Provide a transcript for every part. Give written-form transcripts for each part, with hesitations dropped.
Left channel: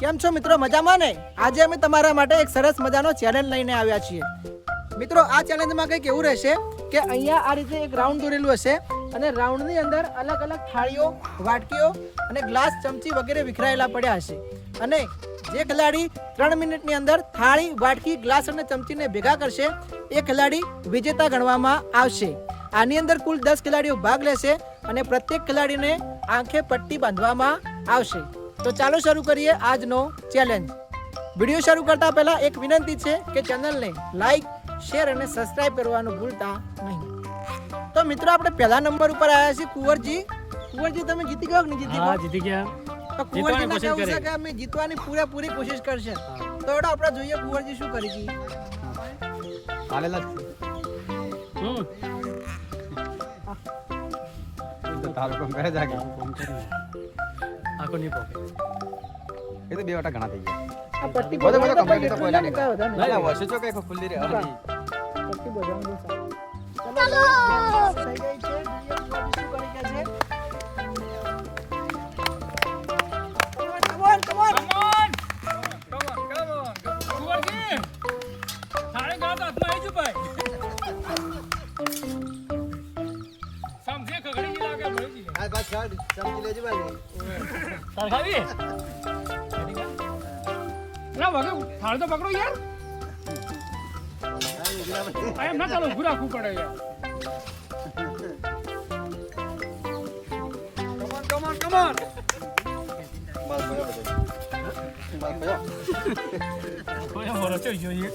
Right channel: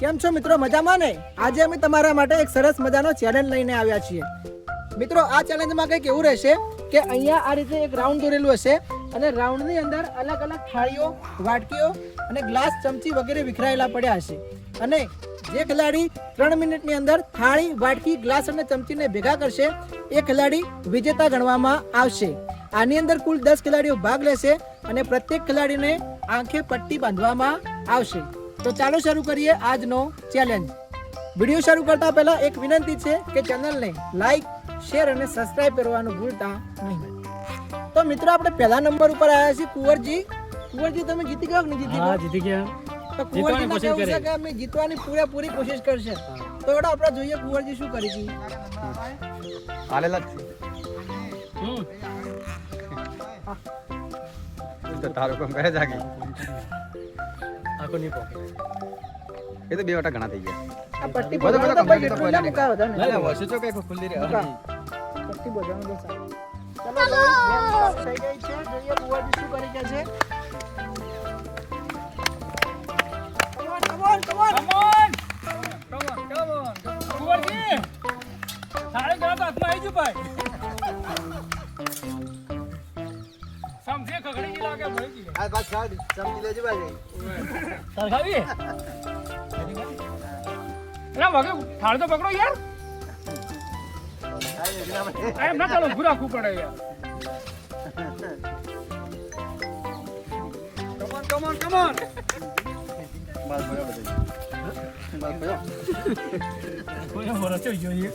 કેમ છો મિત્રો, મજામાં ને? આજે અમે તમારા માટે એક સરસ મજાનો ચેલેન્જ લઈને આવ્યા છીએ. મિત્રો, આ ચેલેન્જમાં કંઈક એવું રહેશે કે અહીંયા આ રીતે એક રાઉન્ડ દોરેલું હશે અને રાઉન્ડની અંદર અલગ અલગ થાળીઓ, વાટકીઓ અને ગ્લાસ, ચમચી વગેરે વિખરાયેલા પડ્યા હશે અને જે ખેલાડી 3 મિનિટની અંદર થાળી, વાટકી, ગ્લાસ અને ચમચીને ભેગા કરશે એ ખેલાડી વિજેતા ગણવામાં આવશે. આની અંદર કુલ 10 ખેલાડીઓ ભાગ લેશે અને પ્રત્યેક ખેલાડીને આંખે પટ્ટી બાંધવામાં આવશે. તો ચાલો શરૂ કરીએ આજનો ચેલેન્જ. વિડીયો શરૂ કરતા પહેલા એક વિનંતી છે કે ચેનલને લાઈક, શેર અને સબસ્ક્રાઇબ કરવાનું ભૂલતા નહીં. તો મિત્રો, આપણે પહેલા નંબર ઉપર આવ્યા છીએ કુંવરજી. કુંવરજી, તમે જીતી ગયા કે નહીં જીતી ગયા? જીતી ગયા. તો કુંવરજીને કેવું છે કે અમે જીતવાની પૂરેપૂરી કોશિશ કરશે. તો એડો આપણે જોઈએ કુંવરજી શું કરી હતી. હાલેલા તારો કોમ કરે જાગે આકો ની પોકે એ તો બે વટા ઘણા થઈ ગયા. આ પટ્ટી બધો બધો બધા કમ્પ્લીટ તો બધા કોઈ બધા બધા ના ના વસે ચો કે ખુલ્લી રે પટ્ટી બધાની ચાલો થઈ ગઈ છે. જોઈએ કુંવરજી શું કરી રહ્યા છે. Come on, come on, come on. Kunvarji થાળી ગ્લાસ હાથમાં આવી જો ભાઈ. સમજે ખગડી ની લાગે ભઈ. આ બાદ સાડ સમજી લેજો ભાઈ. સરખાવી ના વગે થાળી તો પકડો યાર. આ એમ ના ચાલો ઉભું રાખવું પડે યાર. Come on, come on. માલ ભર્યો બધો માલ ભર્યો કોઈ મોરો છે જોઈએ.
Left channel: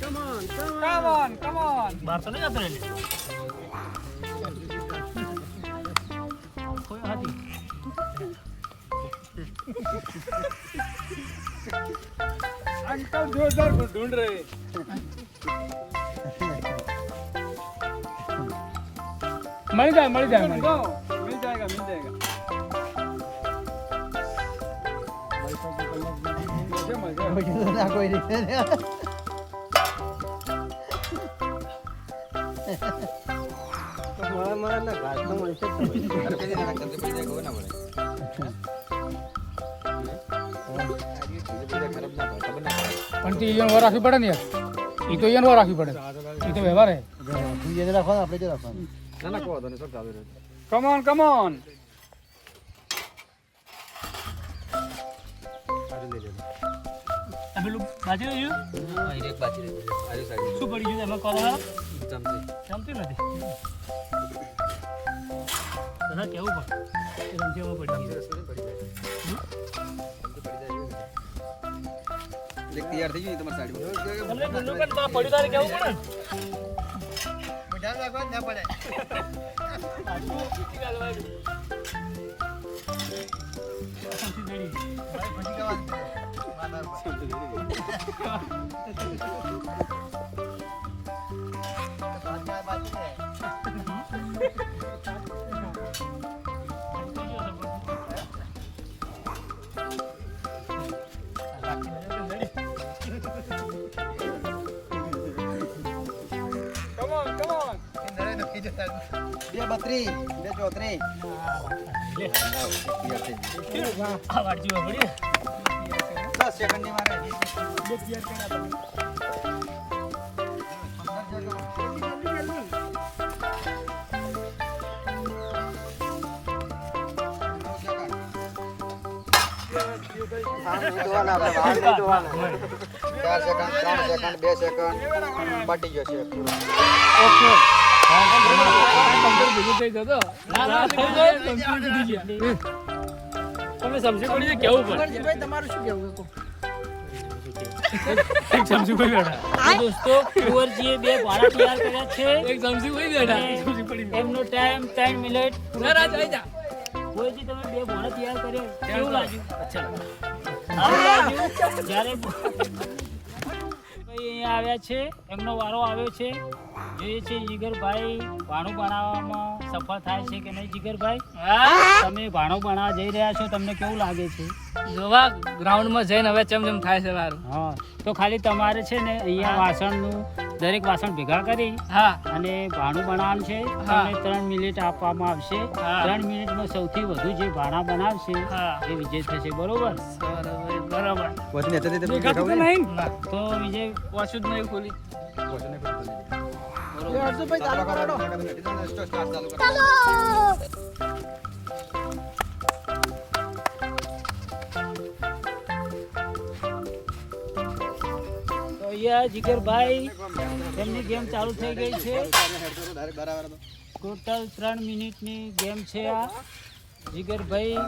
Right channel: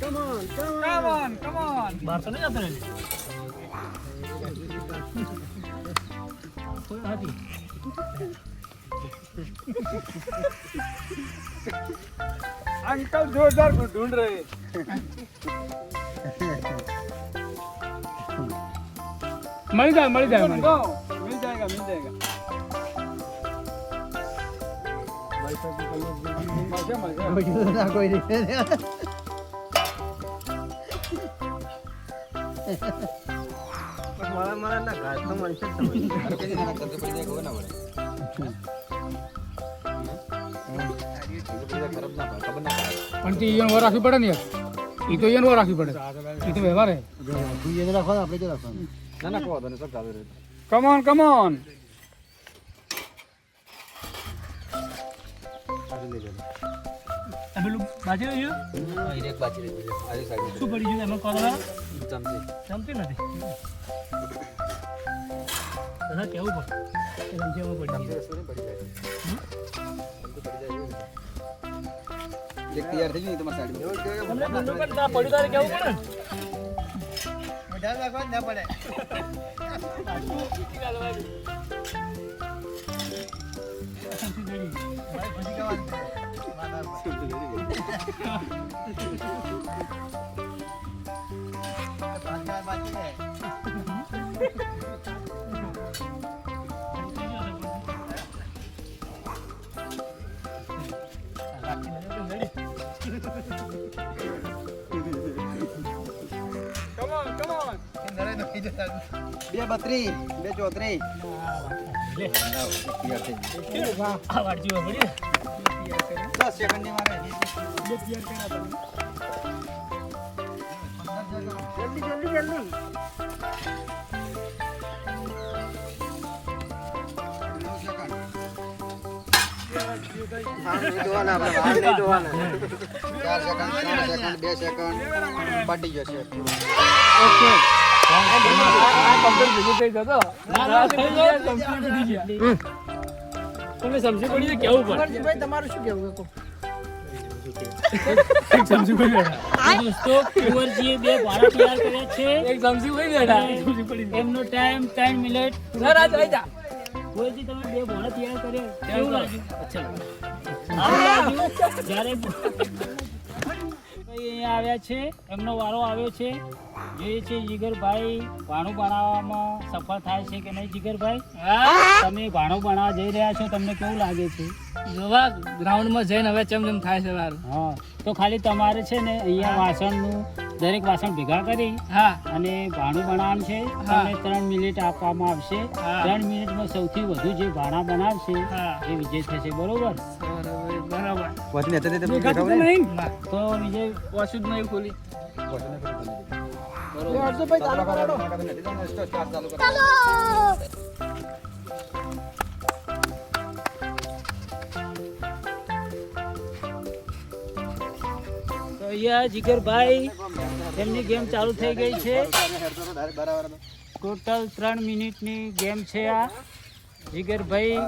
Come on, come on. Come on, come on. બાર તો નહીં જતો રે. કોઈ હતી. अंकल जोरदार ढूंढ रहे मिल जाएगा मिल जाएगा मिल जाएगा मिल जाएगा ના કોઈ નહીં. અરે કઈ ના કરતે પડી જાય કોઈ ના મળે ખરાબ ના ખબર ના પણ તે ઈયન વાર રાખવી પડે ને યાર. ઈ તો ઈયન વાર રાખવી પડે. ઈ તો વ્યવહાર હે. એને રાખવાનું, આપણે તો રાખવાનું. ના ના કહો તને સબ ચાલુ રહે. કમ ઓન સારી લઈ લેજો. પેલું બાજુ રહ્યું હા એક બાકી રહી ગઈ આરી સાઈડ શું પડી ગયું એમાં કોણ ચમચી જમતી નથી તને કેવું પડે એ રમજીમાં પડી ચમચી રસોઈ પડી જાય ચમચી પડી જાય એક તૈયાર થઈ ગયું તમારી સાઈડમાં તમને બંને પણ ના પડ્યું તારે કેવું પડે ધ્યાન રાખવા જ ના પડે. બે 32 બે 34 આ વાડજી પડી 10 સેકન્ડ ની મારે બે સેકન્ડ પટી જશે. ઓકે. તમે સમજી પડી જાય કેવું પડે કુંવરજીભાઈ, તમારું શું કહેવું છે? એક સમજી પડી બેઠા દોસ્તો કુંવરજીએ બે ભાડા તૈયાર કર્યા છે એક સમજી પડી બેઠા એમનો ટાઈમ 3 મિનિટ રાજ આવી જા કુંવરજી તમે બે ભાડા તૈયાર કર્યા કેવું લાગ્યું અચ્છા જ્યારે અહીંયા આવ્યા છે એમનો વારો આવ્યો છે જોઈએ છે જીગરભાઈ ભાણું બનાવવામાં સફળ થાય છે કે નહીં. જીગરભાઈ તમે ભાણું બનાવવા જઈ રહ્યા છો, તમને કેવું લાગે છે? જોવા ગ્રાઉન્ડમાં જઈને હવે ચમચમ થાય છે મારું. હા, તો ખાલી તમારે છે ને અહીંયા વાસણનું દરેક વાસણ ભેગા કરી હા અને ભાણું બનાવવાનું છે. તમને 3 મિનિટ આપવામાં આવશે. 3 મિનિટમાં સૌથી વધુ જે ભાણા બનાવશે હા. એ વિજય થશે. બરોબર? બરોબર બરાબર વોચની હતી તે દેખાતું તો નહીં ના તો વિજય વોચ જ નહીં ખોલી વોચને ખોલી એ હર્ષુભાઈ ચાલુ કરાડો. તો અહીંયા જીગરભાઈ એમની ગેમ ચાલુ થઈ ગઈ છે ટોટલ 3 મિનિટની ગેમ છે આ જીગરભાઈ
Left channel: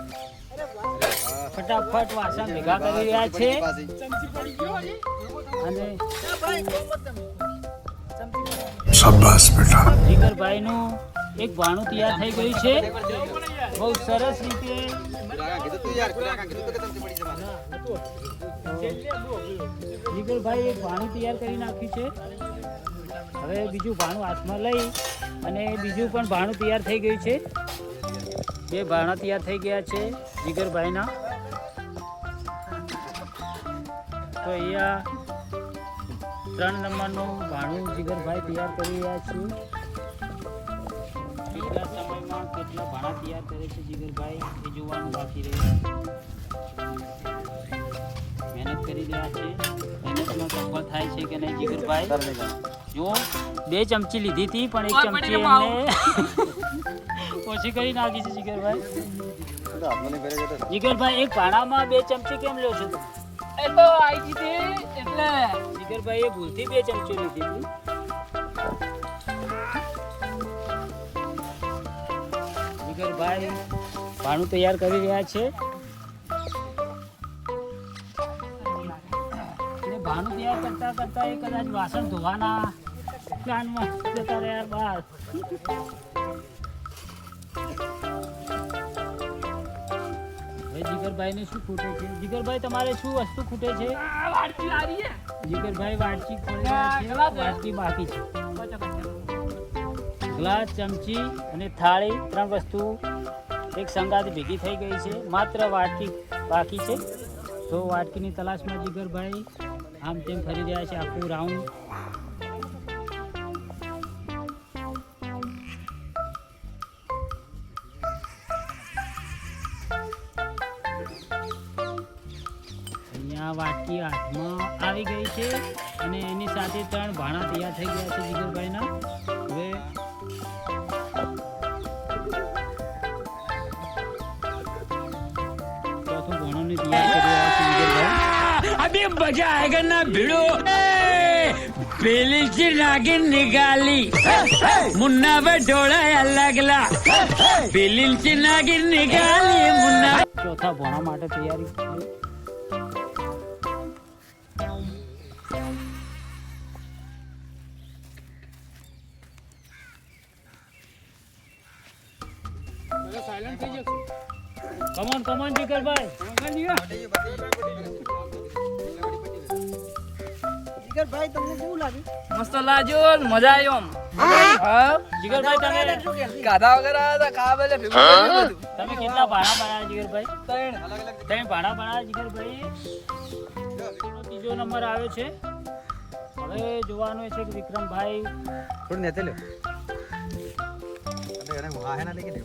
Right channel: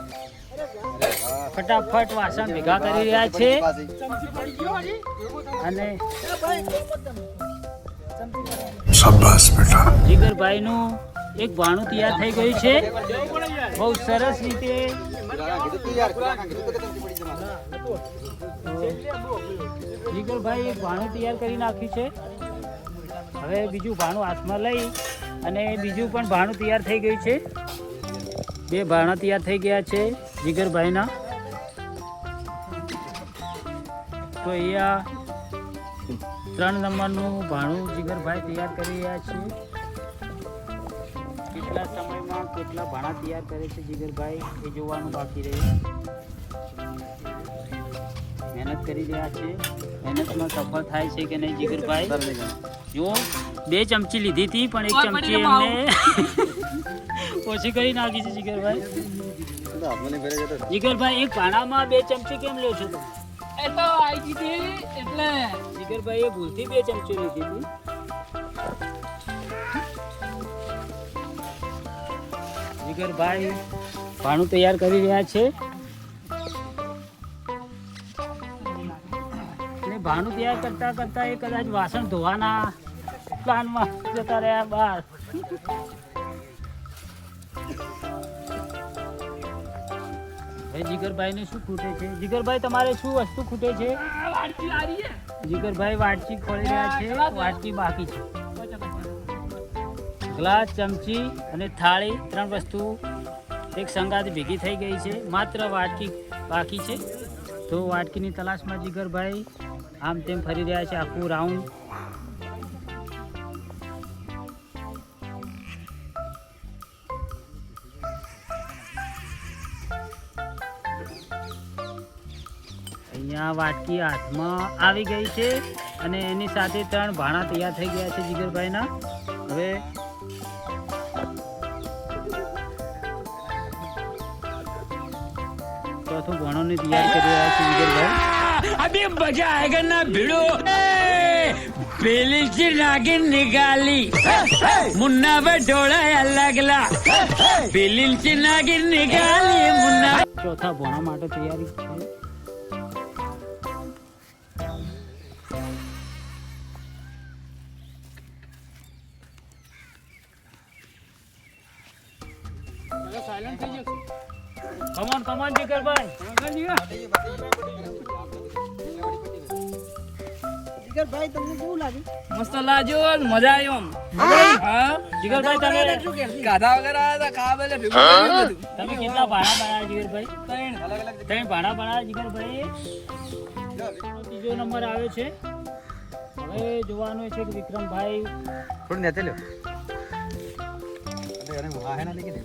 ફટાફટ વાસણ ભેગા કરી રહ્યા છે અને જીગરભાઈનું એક ભાણું તૈયાર થઈ ગયું છે બહુ સરસ રીતે જીગરભાઈ એક ભાણું તૈયાર કરી નાખ્યું છે હવે બીજું ભાણું હાથમાં લઈ અને બીજું પણ ભાણું તૈયાર થઈ ગયું છે બે ભાણા તૈયાર થઈ ગયા છે જીગરભાઈના તો અહીંયા 3 નંબરનું ભાણું જીગરભાઈ તૈયાર કરી રહ્યા છે કેટલા સમયમાં કેટલા ભાણા તૈયાર કરે છે જીગરભાઈ એ જોવાનું બાકી રહ્યું મહેનત કરી રહ્યા છે મહેનતમાં સફળ થાય છે કે નહીં જીગરભાઈ જો 2 ચમચી લીધી હતી પણ 1 ચમચી એમને ઓછી કરી નાખી છે જીગરભાઈ જીગરભાઈ એક ભાણામાં 2 ચમચી કેમ લો છો એ તો આવી ગઈ એટલે જીગરભાઈ એ ભૂલથી 2 ચમચી લીધી હતી જીગરભાઈ ભાણું તૈયાર કરી રહ્યા છે અને ભાણું તૈયાર કરતા કરતા એ કદાચ વાસણ ધોવાના પ્લાનમાં જતા રહ્યા બહાર જીગરભાઈ ને શું ખૂટે છે જીગરભાઈ તમારે શું વસ્તુ ખૂટે છે જીગરભાઈ વાટકી ખોલી રહ્યા છે વાટકી બાકી છે ગ્લાસ ચમચી અને થાળી 3 વસ્તુ એક સંગાત ભેગી થઈ ગઈ છે માત્ર વાટકી બાકી છે તો વાટકીની તલાશમાં જીગરભાઈ આમ તેમ ફરી રહ્યા છે આખું રાઉન્ડ અહીંયા વાટકી હાથમાં આવી ગઈ છે અને એની સાથે 3 ભાણા તૈયાર થઈ ગયા છે જીગરભાઈના હવે ચોથું ભાણું તૈયાર કરી રહ્યા છે જીગરભાઈ अभी मजा आएगा ना भिड़ो पेली से नागिन निकाली मुन्ना बटोड़ा अलगला पेली से नागिन निकाली मुन्ना ચોથા ભાણા માટે તૈયારી છે કમન જીગરભાઈ જીગરભાઈ તમને કેવું લાગ્યું? મસ્ત લાગ્યો મજા આવ્યો હા જીગરભાઈ તમે ગાધા વગર આવ્યા ખાવા બેલે તમે કેટલા ભાણા બનાવ્યા જીગરભાઈ 3 ભાણા બનાવ્યા જીગરભાઈ ત્રીજો નંબર આવ્યો છે હવે જોવાનું છે કે વિક્રમભાઈ થોડું નેચે લ્યો અરે એને હા હે ના લેકે દે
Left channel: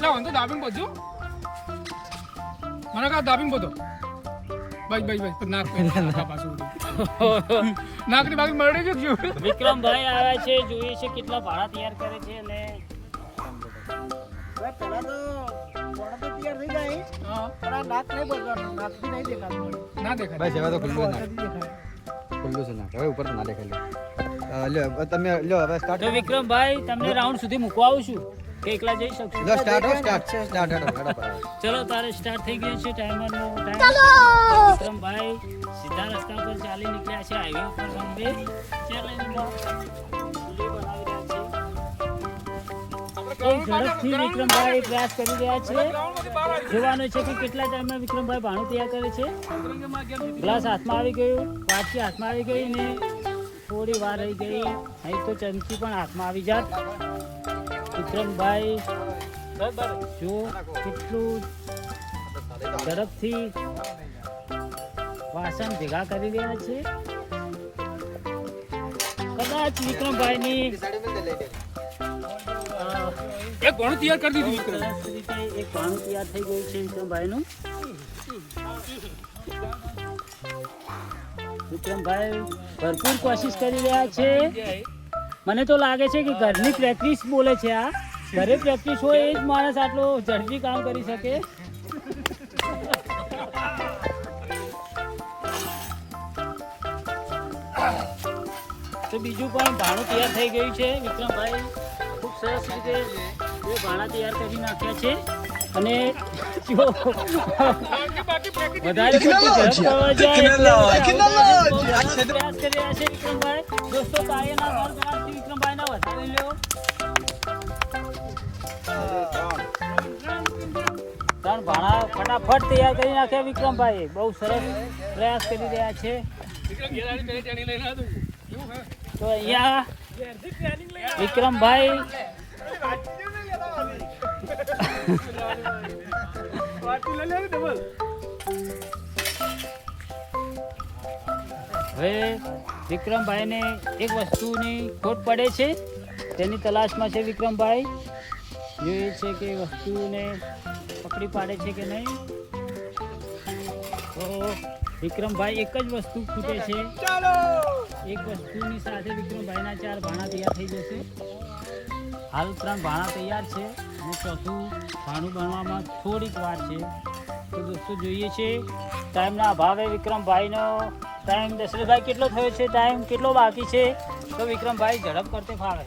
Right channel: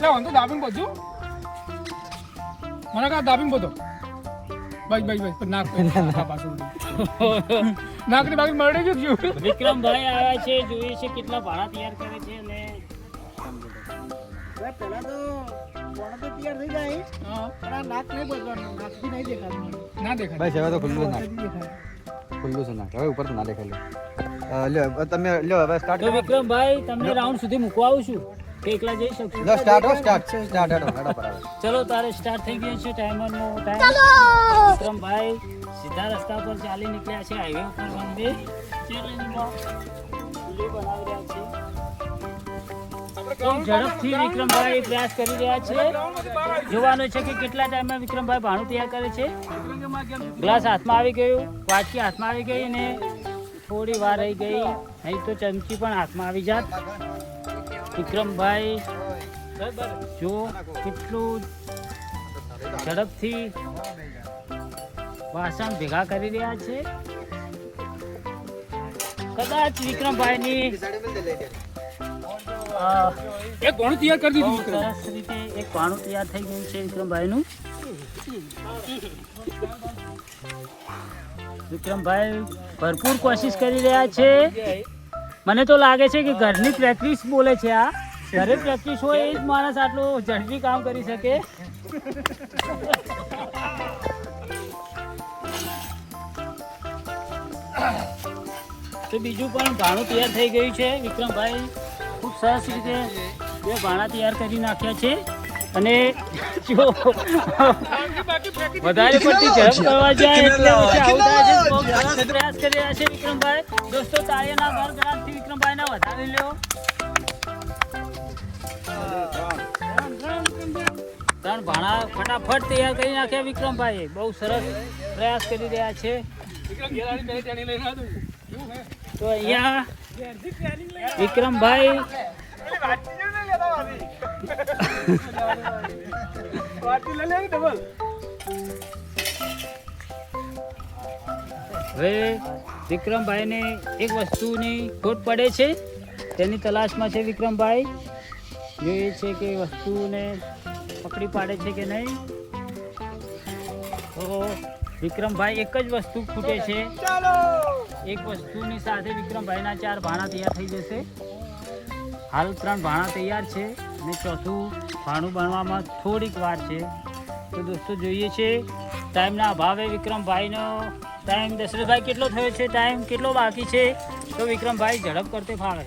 લે હું તો દાબીંગ બોજો મને કા દાબીંગ બોતો બસ નાક પાછું નાક ની બાકી મરડે જો વિક્રમભાઈ આવ્યા છે જોઈએ છે કેટલા ભાડા તૈયાર કરે છે અને ભાઈ પહેલા તો ભાણા તો તૈયાર થઈ જાય પણ આ નાક નહીં બદલવાનું નાક બી નહીં દેખાતું મને. ના દેખાય ભાઈ હવે તો ખુલ્લું ના નથી દેખાતું. ખુલ્લું છે ના હવે ઉપર તો ના દેખાય લ્યો તમે લ્યો હવે સ્ટાર્ટ તો વિક્રમભાઈ તમને રાઉન્ડ સુધી મૂકવા આવું છું કે એકલા જઈ શકશો લો સ્ટાર્ટ સ્ટાર્ટ ચલો તારે સ્ટાર્ટ થઈ ગયો છે ટાઈમરનો ટાઈમ વિક્રમભાઈ સીધા રસ્તા પર ચાલી નીકળ્યા છે હાઈવે ઉપર વંદે ચેલેન્જમાં વિડિયો બનાવી રહ્યા છે ઝડપથી વિક્રમભાઈ પ્રયાસ કરી રહ્યા છે જોવાનું છે કે કેટલા ટાઈમમાં વિક્રમભાઈ ભાણું તૈયાર કરે છે ગ્લાસ હાથમાં આવી ગયું વાટકી હાથમાં આવી ગઈ ને થોડી વાર રહી ગઈ નહીં તો ચમચી પણ હાથમાં આવી જાત વિક્રમભાઈ જો કેટલું ઝડપથી વાસણ ભેગા કરી રહ્યા છે કદાચ વિક્રમભાઈની એક ઘણું તૈયાર કરી દીધું વિક્રમ. સરસ રીતે એક પાણું તૈયાર થઈ ગયું છે વિક્રમભાઈનું. વિક્રમભાઈ ભરપૂર કોશિશ કરી રહ્યા છે. મને તો લાગે છે કે ઘરની પ્રેક્ટિસ બોલે છે. આ ઘરે પ્રેક્ટિસ હોય એ જ માણસ આટલું ઝડપી કામ કરી શકે. તો બીજું પણ ભાણું તૈયાર થઈ ગયું છે. વિક્રમભાઈ ખૂબ સરસ રીતે બે ભાણા તૈયાર કરી નાખ્યા છે. અને જો પ્રયાસ કરી રહ્યા છે વિક્રમભાઈ. દોસ્તો તાળીઓના ગણગણાટથી વિક્રમભાઈના વધારે લ્યો. ત્રણ ભાણા ફટાફટ તૈયાર કરી નાખ્યા વિક્રમભાઈ. બહુ સરસ પ્રયાસ કરી રહ્યા છે. વિક્રમ ઘેર આવીને પહેલી ટ્રેનિંગ લઈને આવ્યો. શું હે? તો અહીંયા વિક્રમભાઈ હવે વિક્રમભાઈને એક વસ્તુની ખોટ પડે છે. તેની તલાશમાં છે વિક્રમભાઈ. જોઈએ છે કે વસ્તુને પકડી પાડે છે કે નહીં. તો વિક્રમભાઈ એક જ વસ્તુ ખૂટે છે. એક વસ્તુની સાથે વિક્રમભાઈના 4 ભાણા તૈયાર થઈ જશે. હાલ 3 ભાણા તૈયાર છે અને ચોથું ભાણું બનવામાં થોડીક વાર છે. તો દોસ્તો જોઈએ છે ટાઈમના અભાવે વિક્રમભાઈનો ટાઈમ દશરથભાઈ કેટલો થયો છે, ટાઈમ કેટલો બાકી છે, તો વિક્રમભાઈ ઝડપ કરતે ફાવે.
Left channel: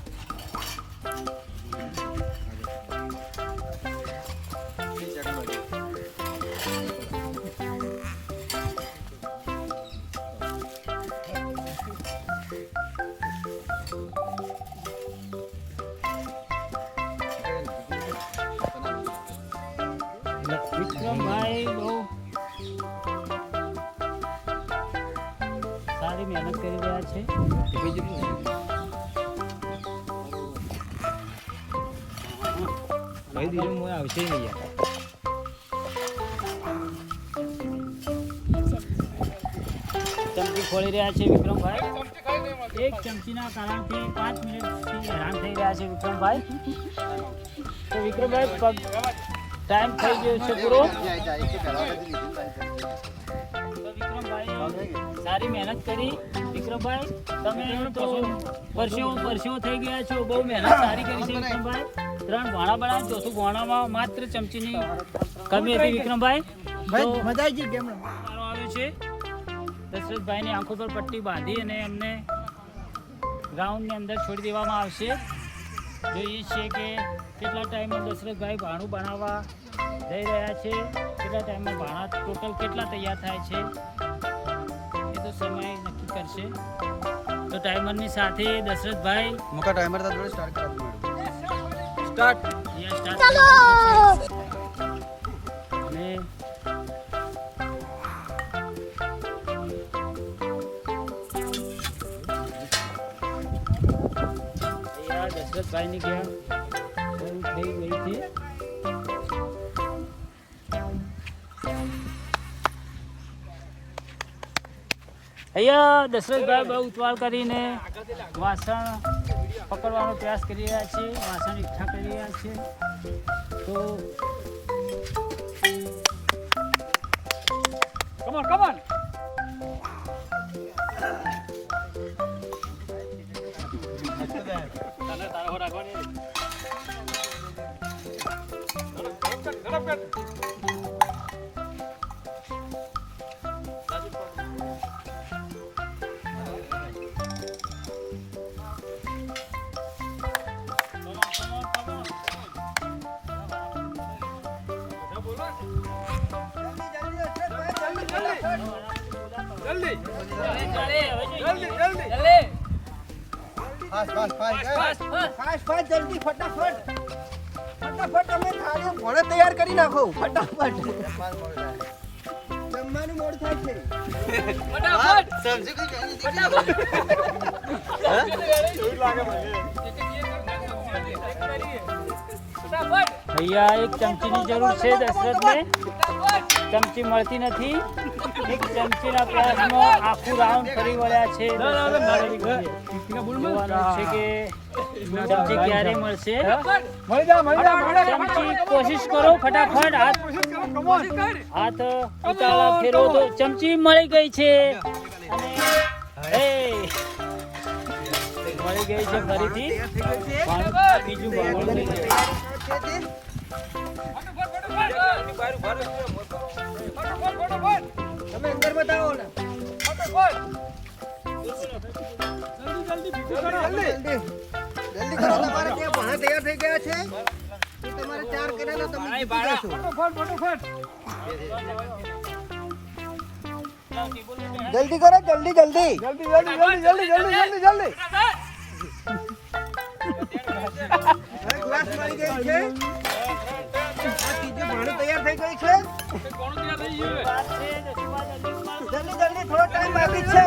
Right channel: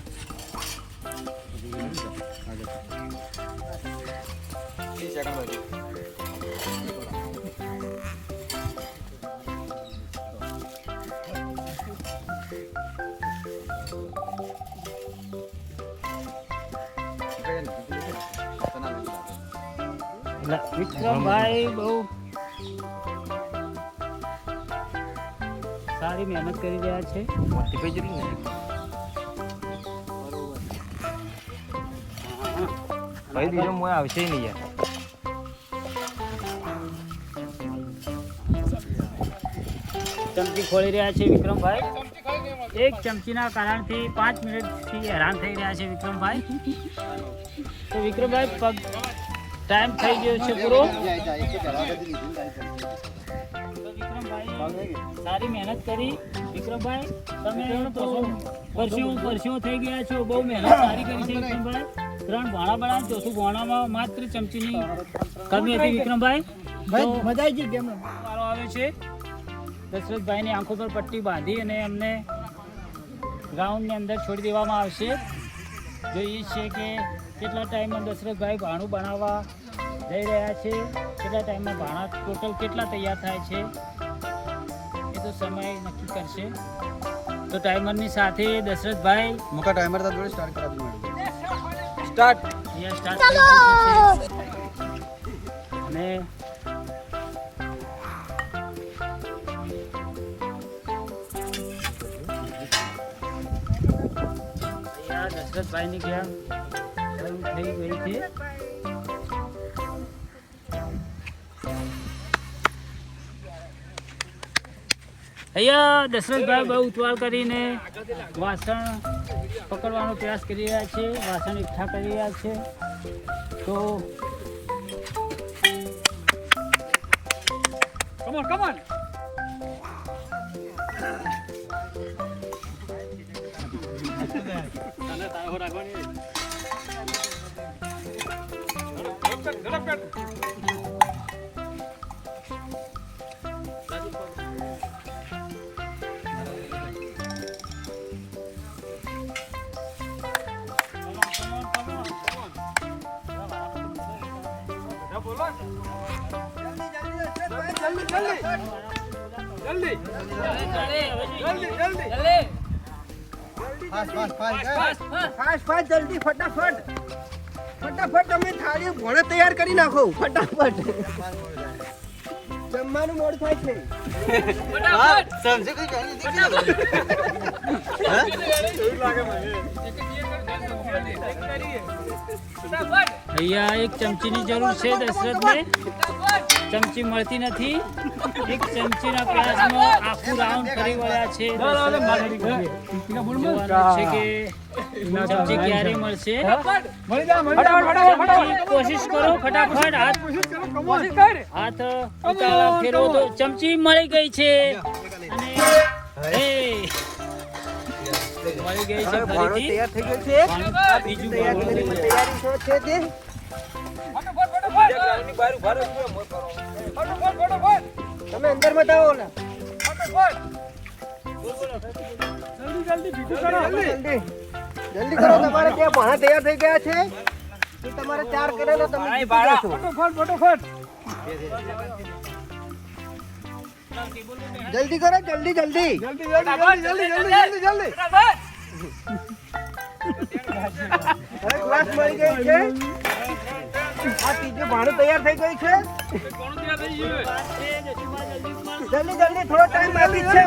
વિક્રમભાઈ બહુ સારી મહેનત કરી રહ્યા છે. આવશે નહીં ચમચી ખોલી રહ્યા છે વિક્રમભાઈ. એક ચમચીના કારણથી 5 મિનિટથી હેરાન થઈ રહ્યા છે વિક્રમભાઈ. તો વિક્રમભાઈ ટાઈમ થઈ ગયો છે પૂરો. તો વિક્રમભાઈ સારી મહેનત કરી. વિક્રમભાઈ તમે તો પરસેવો થઈ ગયા છો. બહુ મહેનત સારી કરી છે વિક્રમભાઈ. 3 ભાણા બનાવ, ચોથું ભાણામાં માત્ર ચમચીની કમી હતી વિક્રમભાઈ. ભાઈ મજા આવી ગઈ ગેમ સારો આવે છે. દશરથભાઈની આંખો પર પટ્ટી બાંધી અને એમને ગ્રાઉન્ડની અંદર છોડી દેવામાં આવશે. જોઈએ છીએ કે કેટલા ટાઈમમાં દશરથભાઈ ભાણું બનાવવા જઈ રહ્યા છે, કેટલા ટાઈમમાં ભાણા ટોટલ કેટલા તૈયાર થાય છે એ તો સમય નક્કી કરશે. તો ટાઈમરની સાથે દશરથભાઈ મોકા ટાઈમર તા જોડે સ્ટાર્ટ કરાવી મેડમ. સ્ટાર્ટ અને દશરથભાઈની ગેમ શરૂ થઈ ગઈ છે. અહીંયા દશરથભાઈ બહુ ઉતાવળ કરીને વાસણ પકડવાનો પ્રયાસ કરી રહ્યા છે, વાસણ એકઠા કરી રહ્યા છે. તો કમોન ફાસ્ટ જલ્દી ફટાફટ તમે થાળી ભોળે તૈયાર કરી નાખો ફટાફટ. જમવાનું મોડું થાય છે. અહીંયા એક ચમચીની જરૂર છે દશરથને. ચમચી મળતી નથી. એક ચમચીના પ્રયાસમાં આખું રાઉન્ડ ફરી વળ્યા છે. જોવાનું છે કે ચમચી ક્યારે મળશે મળી જા ચમચી કોશિશ કરો ફટાફટ હાથ ઉતાવળ ફેરવો તો ચમચી મળી ગઈ છે અને મળી ગઈ છે ફરીથી બીજું તમે અંદર બતાવો ને જલ્દી કરો તમારે ત્યાં ભાણા તૈયાર થઈ ગયા છે એ તમારે ચાર કરેલો તમે ફટાફટ જલ્દી કરો જલ્દી જલ્દી હવે ગ્લાસ મળી ગઈ છે આ ત્રીજું ભાણું તૈયાર થઈ ગયું છે જલ્દી જલ્દી થોડો ટાઈમ બાકી છે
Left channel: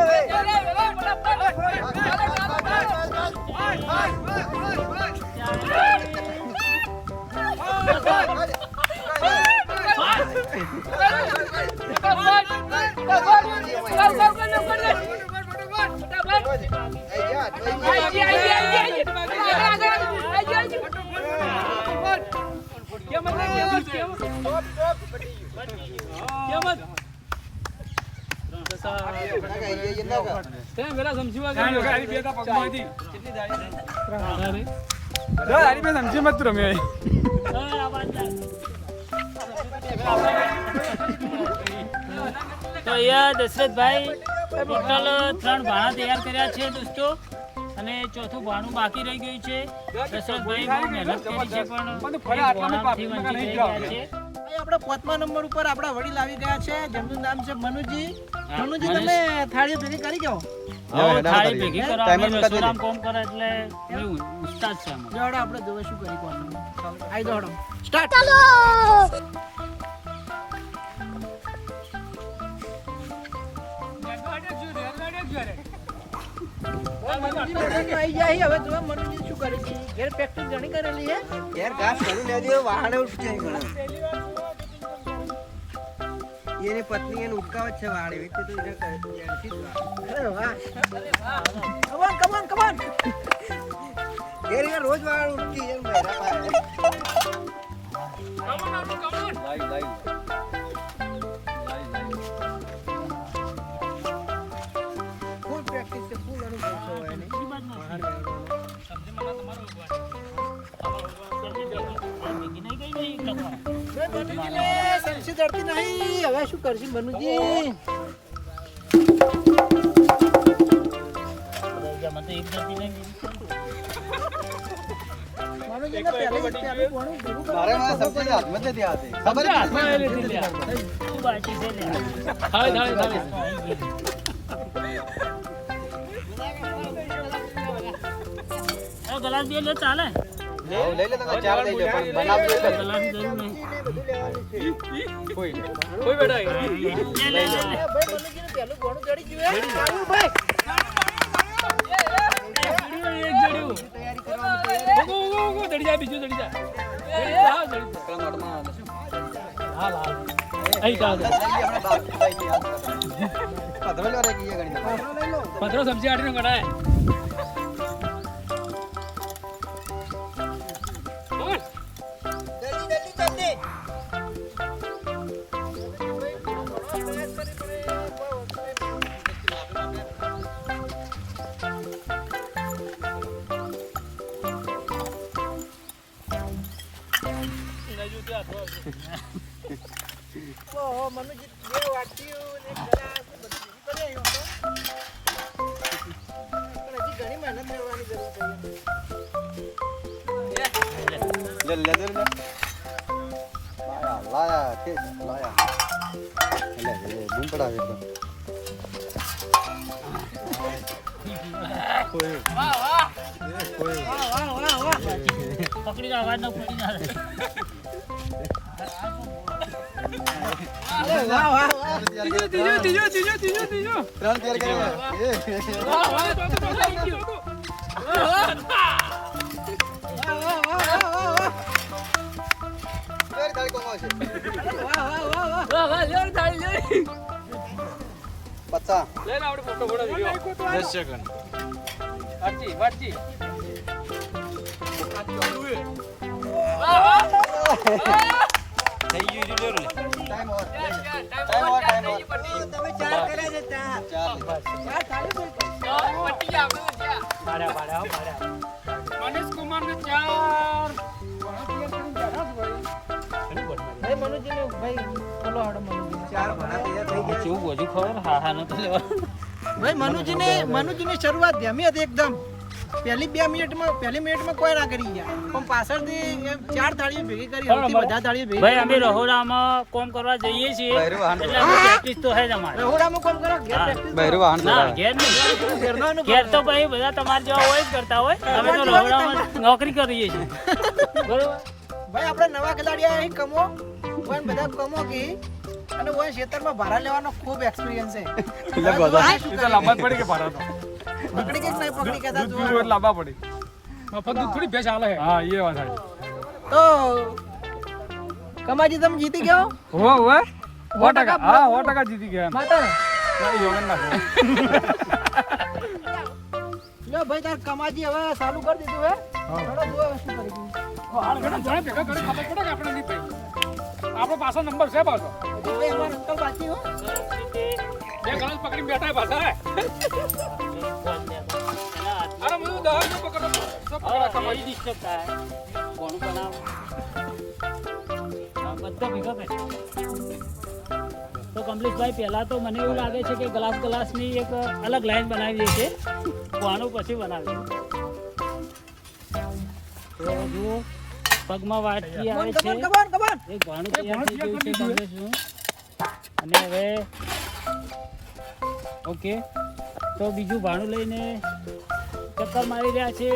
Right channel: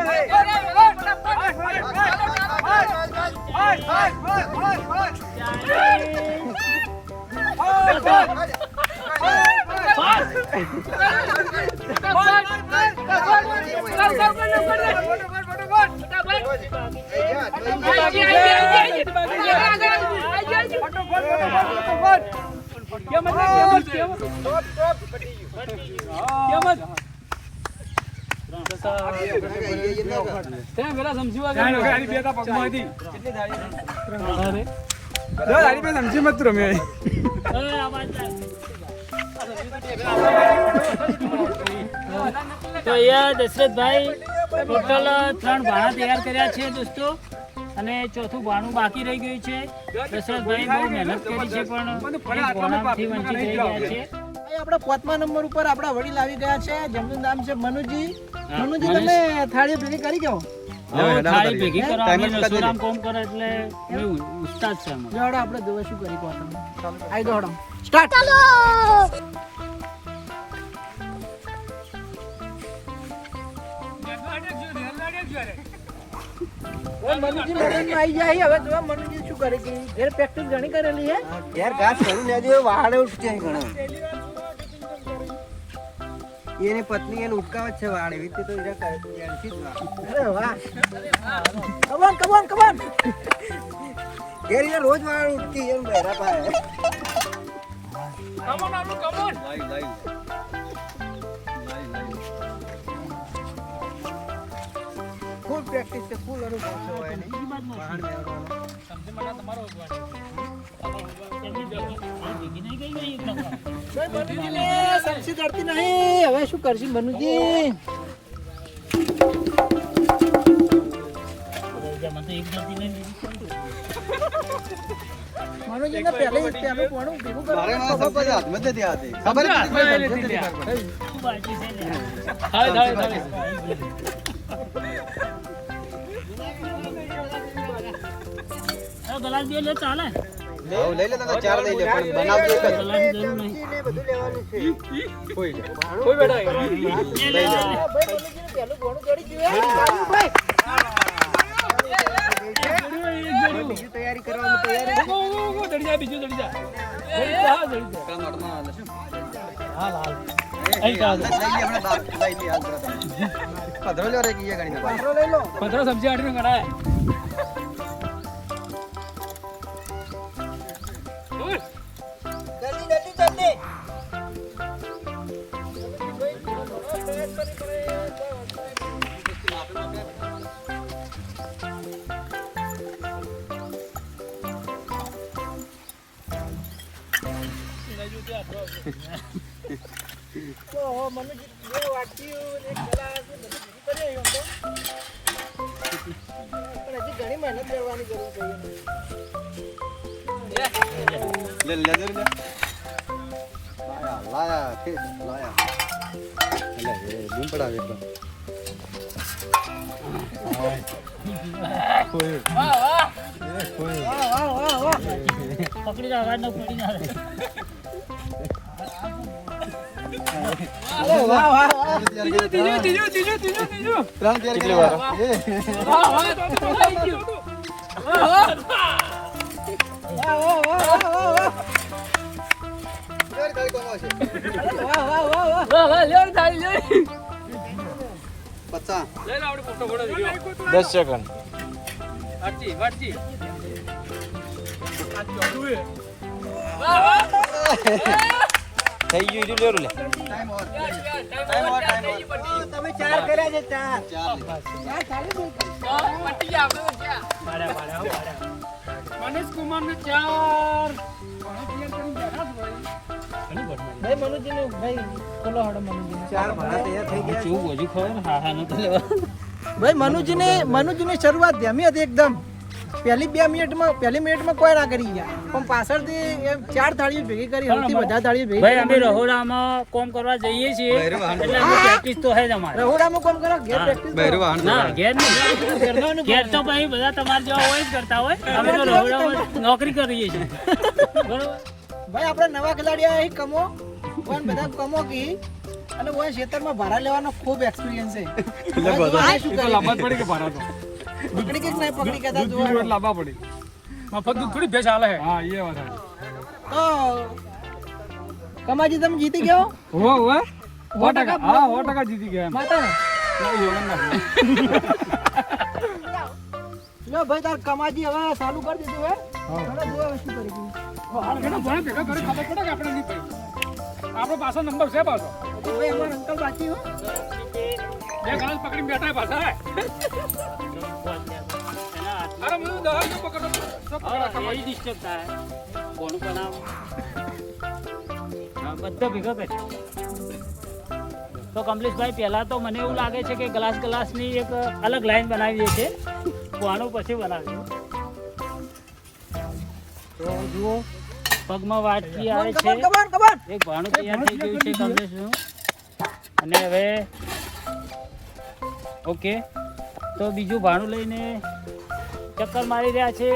સમજી મત રમે તો અહીંયા દશરથભાઈ ટોટલ 3 ભાણા તૈયાર કર્યા છે દોસ્તો અને ચોથું ભાણું બાકી રહી ગયું છે. દશરથભાઈ બહુ મહેનત કરી છે પણ એક ભાણાથી વંચિત રહી ગયા છે. આપણે 5મા નંબર ઉપર આપણા વડીલ આવી ગયા છે જેમનું નામ છે મનુજી. મનુજી તમે થાળી ભેગી કરી ગયો થાળી ભેગી કરવા અમે રસોડામ કામ કરે એટલે અમે ઉસ્તાદ છે અમે. જોડો આપણે જોવે શું કરી કોણ આઈ દોડો સ્ટાર્ટ મનુજી લડીને આવી જાય હવે જો મનુજી શું કરે છે ઘેર પ્રેક્ટિસ ઘણી કરેલી છે ઘેર ઘાસ કરી લેજો વાળે ઉઠશે એને પત્ની એને ઉટકાવે છે વાળે વિતે તો એને કરે છે જાણથી અરે વાહ કમ ઓન ઘેર એ રોજ વાળ ઉઠકી એમ ફૂલ પ્રેક્ટિસ છે ફૂલ સમસી ચડતી નહીં હવે શું કરશી મનુજી મારે ના સમજી હાથમાં જ નથી આવતી ખબર ગલાસ બે લે ચાલે લઈ લે તમે ચાર લઈ લે પણ બનાવજો એક જ. ગલાસ જરૂર નહીં કોઈ લે લે ભાઈ મનુજી પેલું ઘણું ચડી ગયું ભાઈ તૈયારી કરવાની તૈયારી ચડી જાય બીજું ચડી જાય સબ્જી આટલી કઢાય મનુજી બે વાટકી એક ગ્લાસ ને બધું ભેગું કરી આવ્યો પણ હજી ઘણી મહેનત કરવાની જરૂર છે લે લાયા કે લાયા લે બૂમ પડાવે તો પકડી અવાજ ન પડી ના કેટલી વાર પચાસ 10 સેકન્ડ થઈ ગયું ઈડું લેરું લે તમે 4 કર્યા છે 4 મનીષ કુમાર ને 4 ભાઈ મનુજી ભાઈ બોલો હડો મનુજી કેવું બોજુ ખબર ને હાડા નો તો લેવા ભાઈ મનુજીની શરૂઆત ધ્યામી હતી એકદમ પહેલી મિનિટમાં કોઈ ના કરી ગયા પણ પાછળથી એમ 4 થાળીઓ ભેગી કરી સૌથી વધારે થાળીઓ ભેગી ભાઈ અમે રહોડામાં કોમ કરવા જઈએ છીએ એટલે પ્રેક્ટિસ તો હે જ અમારે રહોડામાં કોમ કરો ઘેર પ્રેક્ટિસ બહેરું વાહન ના ઘેર નહીં ઘેર તો ભાઈ બધા તમારા જેવા હોય જ કરતા હોય અમે તો રહોડામાં નોકરી કરીએ છીએ બરોબર ભાઈ આપણે નવા ખેલાડી આયા કમો ઓન બધા કમો કી અને ઓન ખેતરમાં ભારા લેવાનો ખૂબ એક્સપિરિયન્સ છે લાંબા પડી કે ભારા તો પકડી કે નહીં પકડી કે તા જોવા લાંબા પડી મફત દૂધ થોડી ભેંસ આલે હા એ વાત છે તો કમાજી તમે જીતી ગયો હો 100% હા 100% જીતી ગયા માતા યોગન ના લો ભાઈ તાર કમાજી હવે ચાલુ કરી દીધું હે થોડો જોવા વસ્તુ કરી ગયું ઘણા ભેગા કરી ખબર પડે કે આપણે નહીં પડી આપણો પાછો નંબર છે પાછો ભાઈ અમારા અંકલ બાકી હો બે ગણેશ પકડી બેઠા પાછા અરે હું દોડ પકડો સબ પકડા કમાઈ ડિસ્ટર્બ થાય કોનું બનાવ બધા ભેગા કરે તો કમ્પ્લીટભાઈ પહેલા તો મને એવું લાગે છે કે ગ્લાસની એક અલગ લાઈન બનાવી છે તો આનો પછી બનાવીએ તો જુઓ પગમાં વાટકી આવે છે કમાન એક ભાણું તૈયાર થઈ ગયું છે કમ્પ્લીટનું. અને હવે ઓકે તો બીજું ભાણું લઈને ચક્કર મારી રહ્યા છે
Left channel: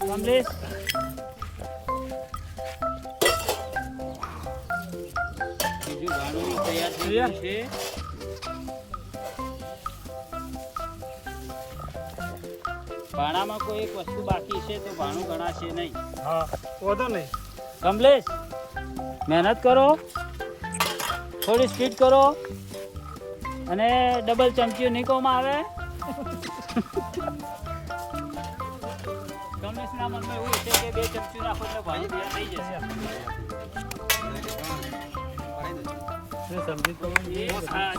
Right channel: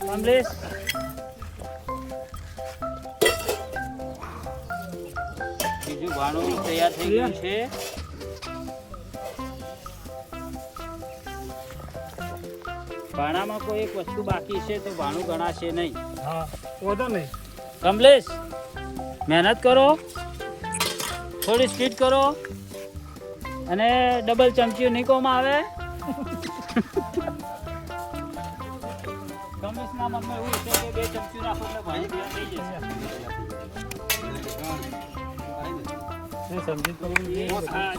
કમલેશ બીજું ભાણું તૈયાર થઈ ગયું છે ભાણામાં કોઈ એક વસ્તુ બાકી છે તો ભાણું ગણાશે નહીં હા વધો નહીં કમલેશ મહેનત કરો થોડી સ્પીડ કરો અને ડબલ ચમચી નીકળવામાં આવે કમલેશના મનમાં એવું છે કે 2 ચમચી નાખો એટલે ભાઈ તૈયાર થઈ જશે શું સમજી તો હા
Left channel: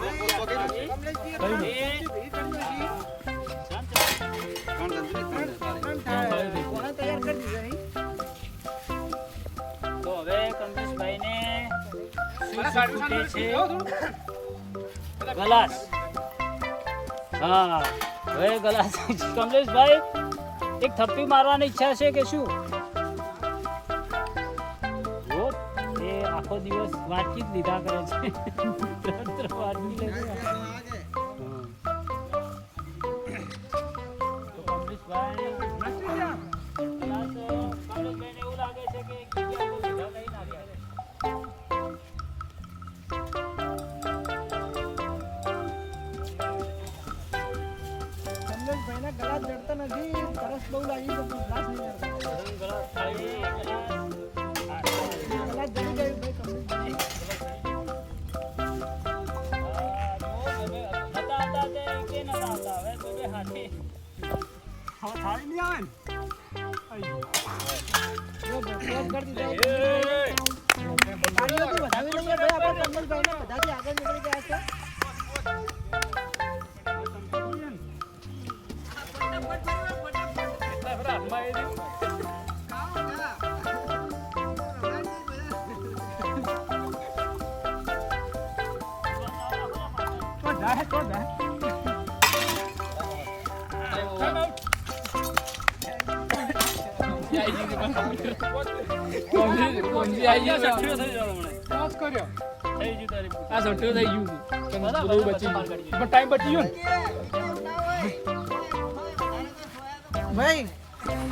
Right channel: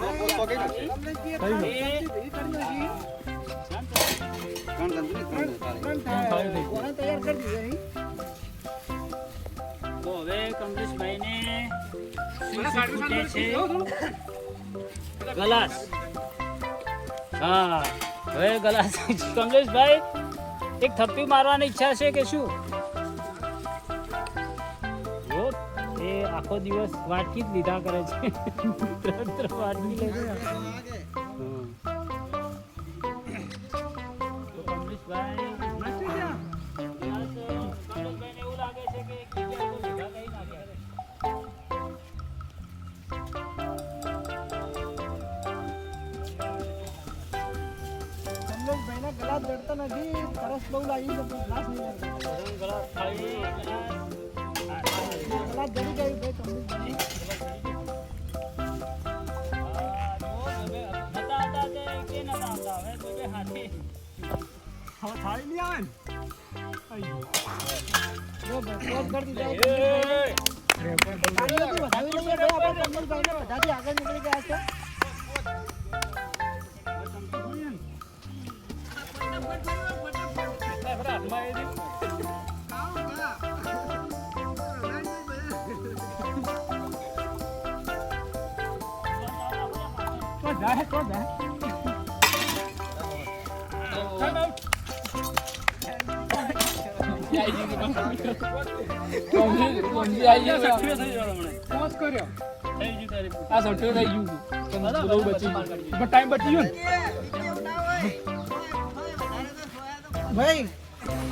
તૈયાર કરી દીધું તો હવે કમલેશભાઈને શું ખૂટે છે ગ્લાસ હા હવે ગ્લાસ કમલેશભાઈ એક થપ્પી મારવાની ઈચ્છા છે કે શું જો એ આખો દિવસ વાટકી જ લીધા કરે છે વાટકી લે છે. તો કમલેશભાઈ કમલેશભાઈને એવું લાગે છે કે એક જગ્યાએ કોઈ ભેગા થઈ ના રહ્યા. ભાઈના ગળા જડતા નથી સરસ બહુ લાગી તો ગ્લાસ નહીં આવતો. ગ્લાસ ખાલી ગ્લાસ ગળા જડી ગયું ભાઈ કમ્પ્લીટ થાળી નહીં આવે જો બસ કરી દીધા તાળીઓથી વધાવી લઈએ ભાઈ આપણે કમલભાઈને બધાથી આગળ નીકળી ગયા છે ભાઈ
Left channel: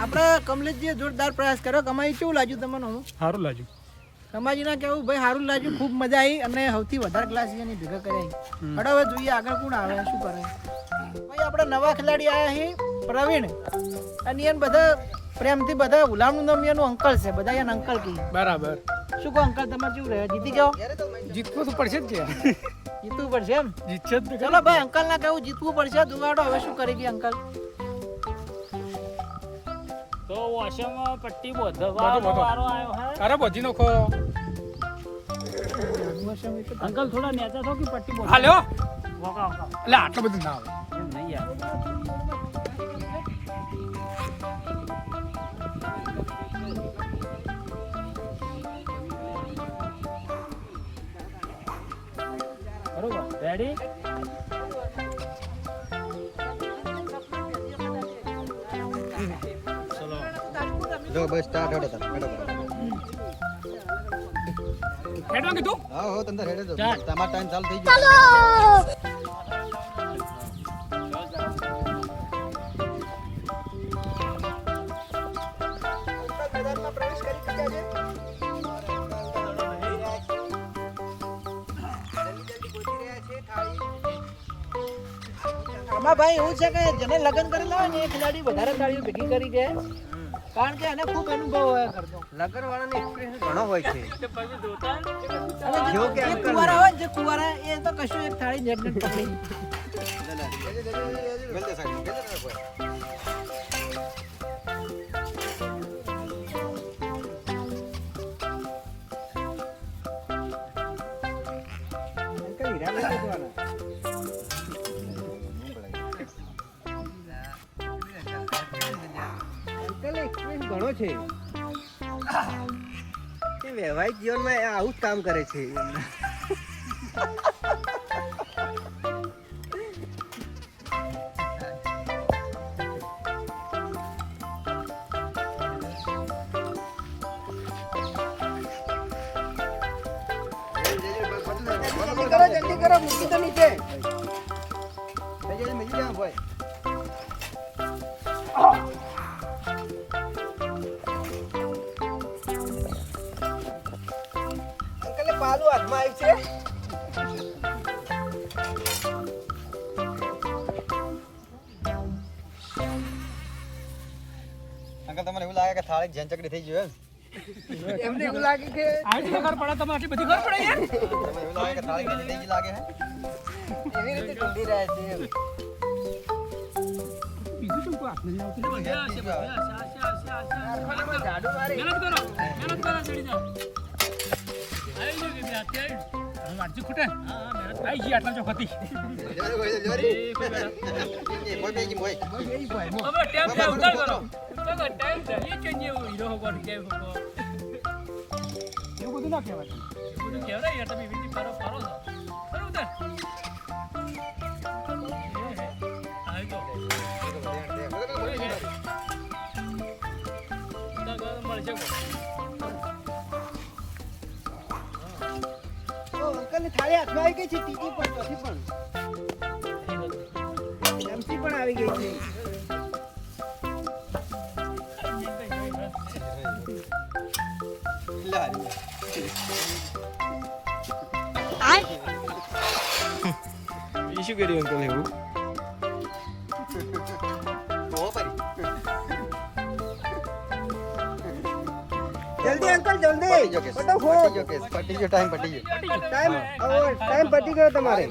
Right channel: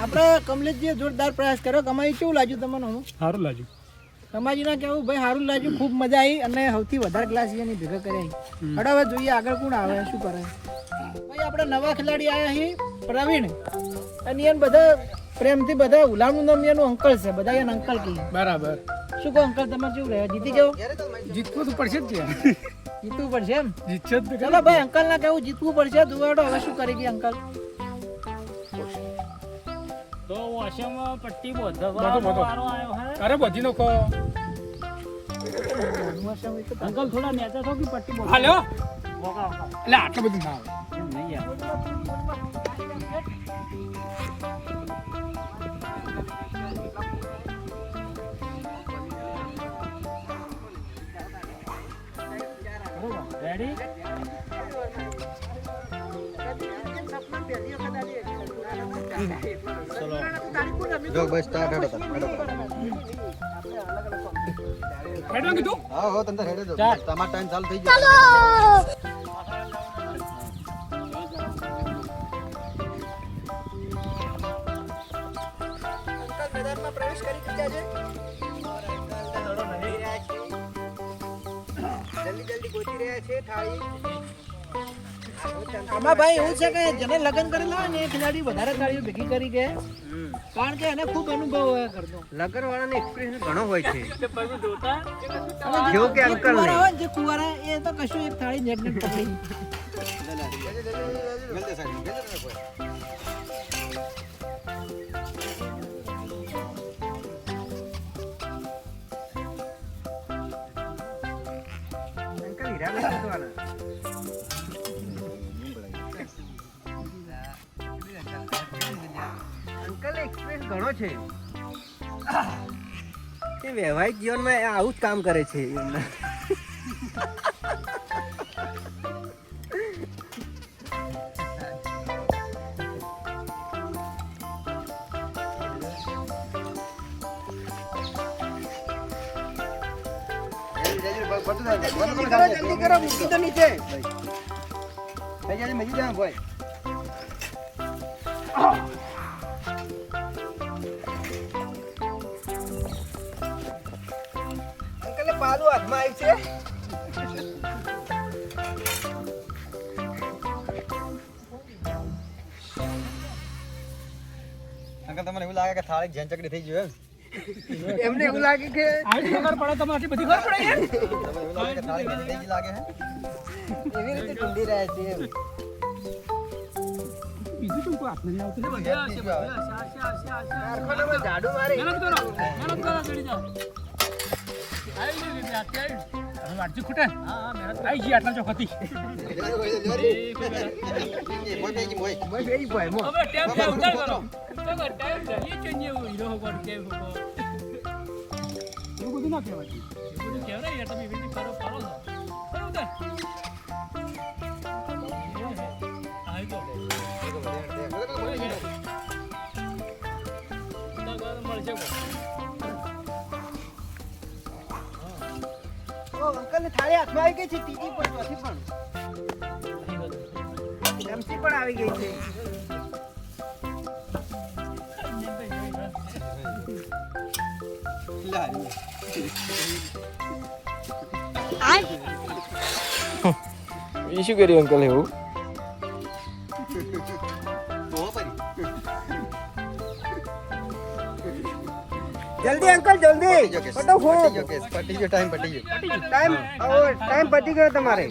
આપણે કમલેશજીએ જોરદાર પ્રયાસ કર્યો કમાઈ કેવું લાગ્યું તમને સારું લાગ્યું કમાજીના કેવું ભાઈ સારું લાગ્યું ખૂબ મજા આવી અને સૌથી વધારે ક્લાસ એની ભેગા કર્યા હડ હવે જોઈએ આગળ કોણ આવે શું કરે ભાઈ આપણે નવા ખેલાડી આવ્યા છીએ પ્રવીણ અને એને બધા પ્રેમથી બધા ગુલામનું નામ એનું અંકલ છે બધા એને અંકલ કહે બરાબર શું કહો અંકલ તમારે કેવું રહે જીતી ગયો જીતવું તો પડશે જ છે જીતવું પડશે એમ જીતશે જ ચલો ભાઈ અંકલ ના કહું જીતવું પડશે દુવાડો હવે શું કરી ગઈ અંકલ તો ઓશિયામાં પટ્ટી બોધવા બધો. વારો આવ્યો હે અરે બધી નોખો અંકલ થોડા નેચા થો કે પટ્ટી બોધ હાલ્યો વોકા વોકા એટલે આટલું બધું ના આવે એમ નહીં યાર બરોબર રેડી ચલો જો બસ સ્ટાર્ટ હેડો હેડવા કીધું હા હો તમને હેડે દો ચાલ. તમારો ટાઈમ ચાલુ થઈ ગયો મેદાનમાં પ્રવેશ કરી દીધા છે. જલ્દી જલ્દી ગોતી રહ્યા છે થાળી. આમાં ભાઈ એવું છે કે જેને લગ્ન કરેલા હોય ને એ ખિલાડી વધારે થાળીઓ ભેગી કરી દે કારણ કે એને ખૂબ અનુભવ હોય ઘરનો. લગન વાળાનો એક્સપિરિયન્સ ઘણો હોય છે અને જેવું કે જે અંકલ કુંવારા હોય ને, જે કુંવારા એ તો કશું એક થાળી નેટ નેટ પકડી. ગલતે સાઈડ ગલતે કોઈ વૈવાહિક જીવનમાં આવું જ કામ કરે છે જલ્દી કરો, જલ્દી કરો, મૂકી દો નીચે. અંકલે પાલું હાથમાં આવ્યું છે. અંકલ તમને એવું લાગે કે થાળી જેન ચકડી થઈ ગયું એમને એવું લાગે કે આટલી ખબર પડે તમે આટલી બધી ખબર પડે યાર એમ તમને એવું લાગે કે થાળી જેન થઈ ગઈ લાગે હે એવી રીતે ઢૂંઢી રહ્યા છે એમ. બીજું શું કોઈ હાથ નહીં આવતું કારખાનામાં ઝાડુ મારે. મહેનત કરો ચડી જાઓ આવી ગઈ મેં અત્યારે હવે વાટજી ખૂટે આઈ ગઈ આટલા ચોક હતી મોય બેગી મોય હવે ટેપ છે ઉતાર કરો તો ટાઈમ છે એ ચેન્જ એવું હીરો કોણ કે એવું બધું ના કહેવાય બધું કેવરાય યાર તમે વિનતી કરો છો કરો ઉતાર આવી તો મળશે તો અંકલની થાળી હાથમાં આવી ગઈ છે ત્રીજી પણ ચોથી પણ એમસી પણ આવી ગઈ છે. એ શું કર્યું અંકલ એવું જલ્દી અંકલ જલ્દી ફટાફટ. પટી ગયો ટાઈમ પટી ગયો ટાઈમ પતી ગયો તમારે.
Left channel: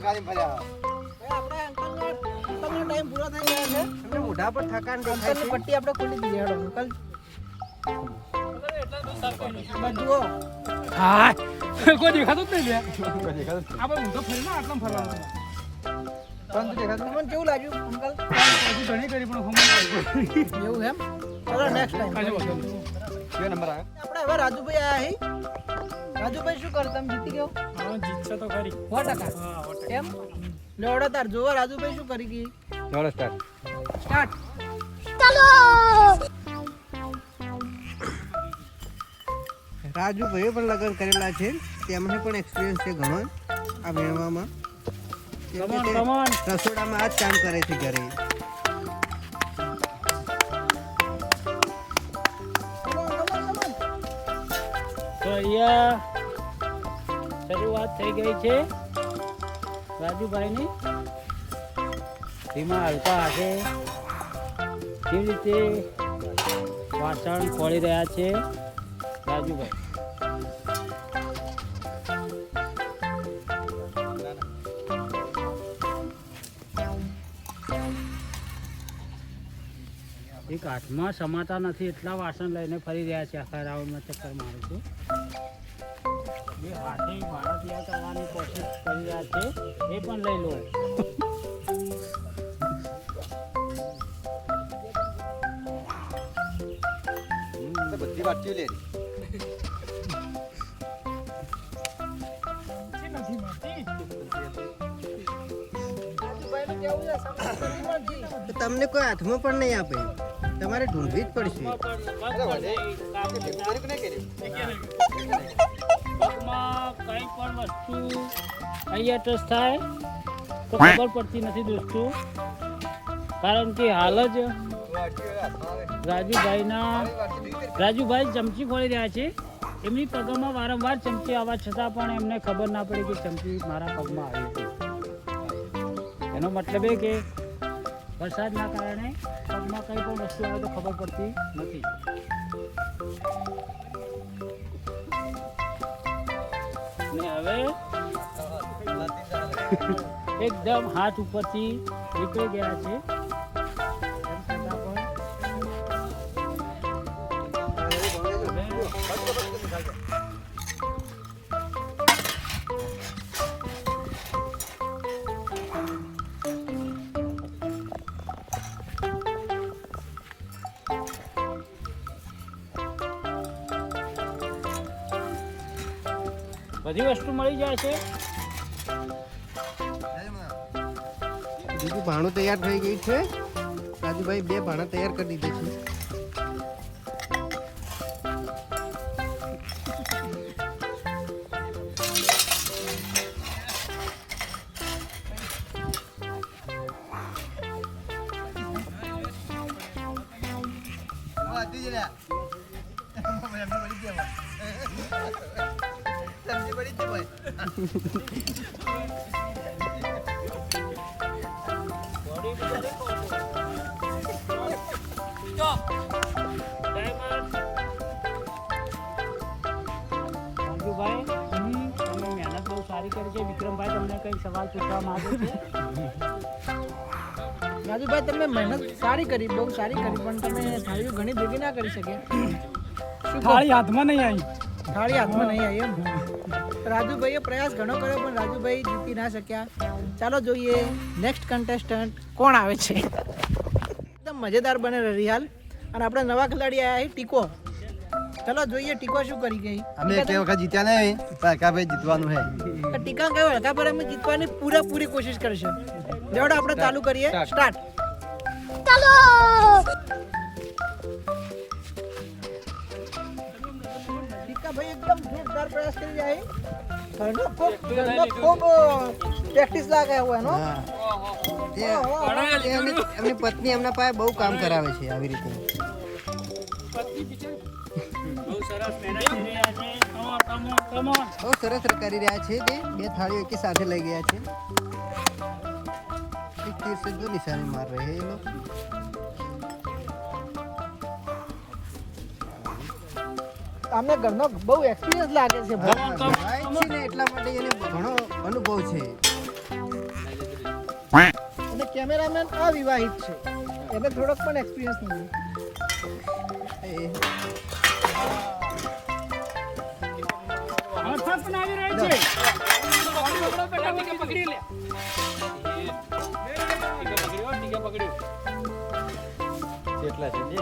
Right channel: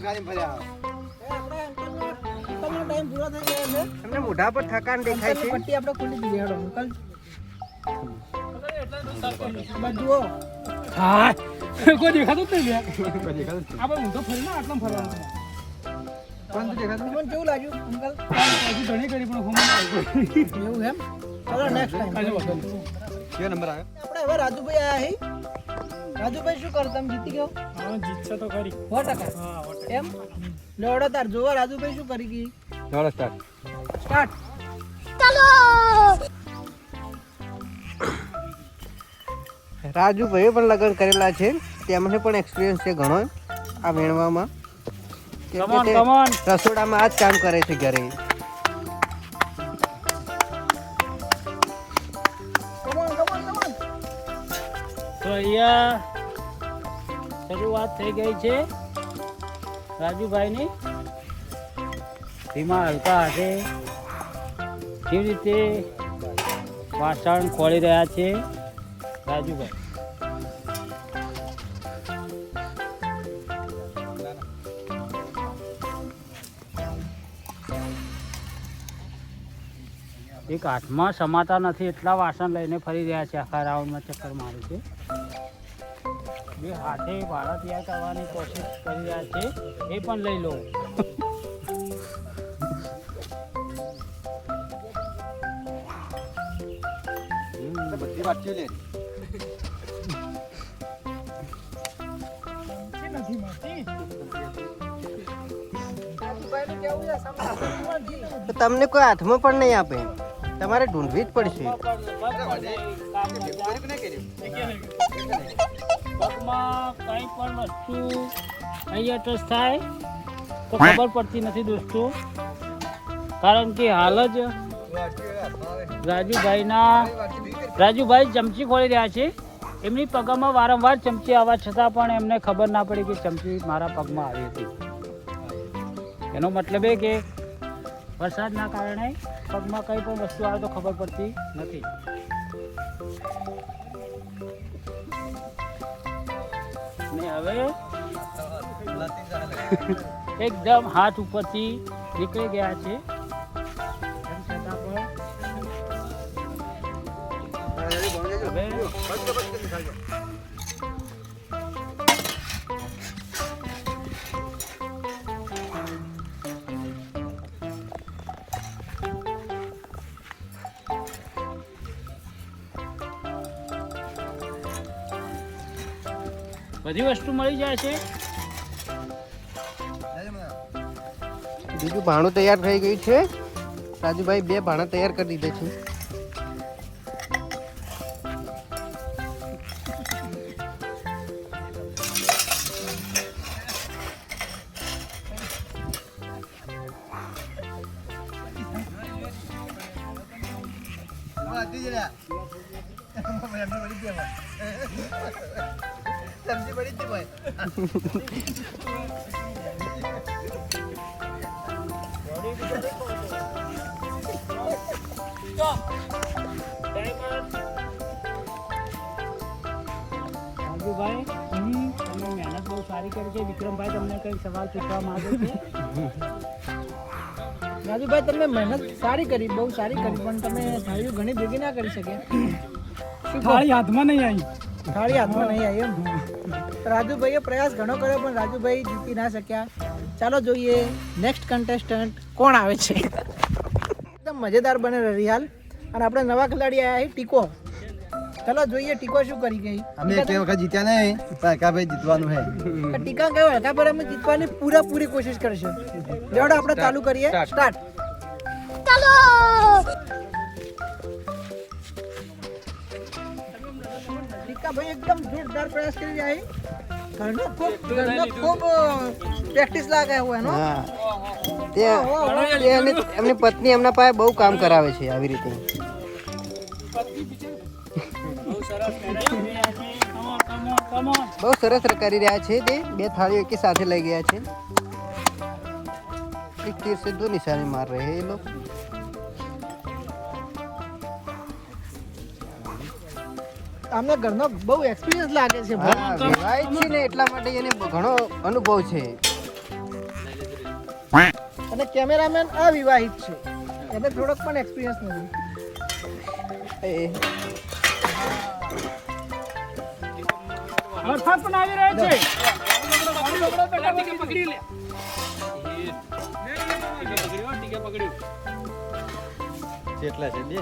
અંકલનો ટાઈમ પૂરો થઈ ગયો છે. તમને મોઢા પર થકાન દેખાય છે પટ્ટી આપણે ખોલી દીધી હેડો અંકલ. બસ જુઓ હા કોઈ દેખાતું જ નહીં આપણે ઊંધો ફરીને આટલા ફરવાનું તમને કેવું લાગ્યું અંકલ? હજી ઘણી કરી પણ હોમ એવું એમ? ચલો નેક્સ્ટ ટાઈમ. કાજો વાંધો નહીં કયો નંબર આવ્યો આપણે હવે રાજુભાઈ આયા હી. રાજુભાઈ શું કરતા તમે જીતી ગયો હા જીતશે તો ખરી 100%. એમ લેવડો તાર જોવા રાજુભાઈ શું કરી ગઈ નમસ્કાર સ્ટાર્ટ. રાજુભાઈએ પણ લગ્ન કરેલા છે તેમને પણ એક્સપિરિયન્સ છે ઘણો આ વેણવામાં કેમ કે તે કમોન રસોડામાં આ જ કામ કરે છે ઘરે તો અહીંયા શરૂઆત થઈ ગઈ છે રાજુભાઈની એમાં હલકા હાથે કેવી રીતે વાસણ ખોલી રહ્યા છે રાજુભાઈ એક હાથમાં સમાતા નથી એટલા વાસણ લઈને ફરી રહ્યા છે, આખા રાઉન્ડમાં ચક્કર મારે છે. બે હાથે ભાડા તૈયાર કરવાની કોશિશ કરી રહ્યા છે, એ પણ લઈ લો. બધી વાટકીઓ લે. તો તમને કોઈ હાથમાં પણ નહીં આપે, તમારે ઢૂંઢવી જ પડશે. પગમાં કંઈ પણ વસ્તુ અહીંયા ટચ થાય તો ખબર પડતી નથી દોસ્તો, કારણ કે હાલ જ રાજુભાઈ ચમચી ખોલી રહ્યા છે. એમની પગમાં વારંવાર ચમચી આવવા છતાં પણ એમને ખબર ના પડી કે ચમચી મારા પગમાં આવી હતી. એનો મતલબ એ કે વરસાદના કારણે પગમાં કંઈ પણ વસ્તુ આવે તો ખબર પડતી નથી. ને હવે એકદમ હાથ ઉપરથી નીકળી ગયા છે. બધી વસ્તુ મળી જાય છે. બીજું ભાણું તૈયાર થઈ ગયું છે. રાજુભાઈ 2 ભાણા તૈયાર કરી દીધા છે. રાજુભાઈ, તમે મહેનત બહુ સારી કરી છે. વિક્રમભાઈ તમને કંઈ સવાલ પૂછવા માંગે છે? રાજુભાઈ તમે મહેનત સારી કરી, બહુ સારી કરી, પણ તમે થાળીઓ ઘણી ભેગી ના કરી શકે. થાળી હાથમાં નહીં આવી. થાળી હાથમાં નહીં આવી એમ. રાજુભાઈએ પ્રયાસ ઘણો કર્યો પણ રાજુભાઈ જીતી ના શક્યા. ચાલો જોઈએ નેક્સ્ટ કન્ટેસ્ટન્ટ કોણ આવે છે. એકદમ મજેદાર બને રિહાલ. અને આપણે નવા ખેલાડી આવ્યા છે ટીકો. ચલો જોઈએ ટીકો શું કરી ગઈ. અમે એક વખત જીત્યા નહીં, પણ હલકાભાઈ જીતવાનું છે. ટીકા કયો હલકા પર અમે જીતવાની પૂરેપૂરી કોશિશ કરશું. લેવડો આપણે ચાલુ કરીએ. સ્ટાર્ટ. ટીકા ભાઈ એકદમ જોરદાર પ્રયાસ કરી રહ્યા છે. ઘરનો ખૂબ પ્રેક્ટિસ લાગે હોય એનો. હા, એમની પત્ની એમના પાસે બહુ કામ કરાવે છે આવી રીતે. બહુ સરસ કરી રહ્યા છે. તે 2 થાળીઓ એકી સાથે લઈ ગયા છે. એક તીર से 2 निशाने मार रहे हैं ये लोग. તમને ઘરનો બહુ એક્સપિરિયન્સ લાગે છે. હા, વિવાહિત છે ને એટલા માટે એને ઘણો અનુભવ છે. અને કેમેરામેન અવિવાહિત છે, એને થોડોક પણ એક્સપિરિયન્સ નથી. વરસાદ પણ આવી રહ્યો છે. પકડી લે. કેટલા છે? 2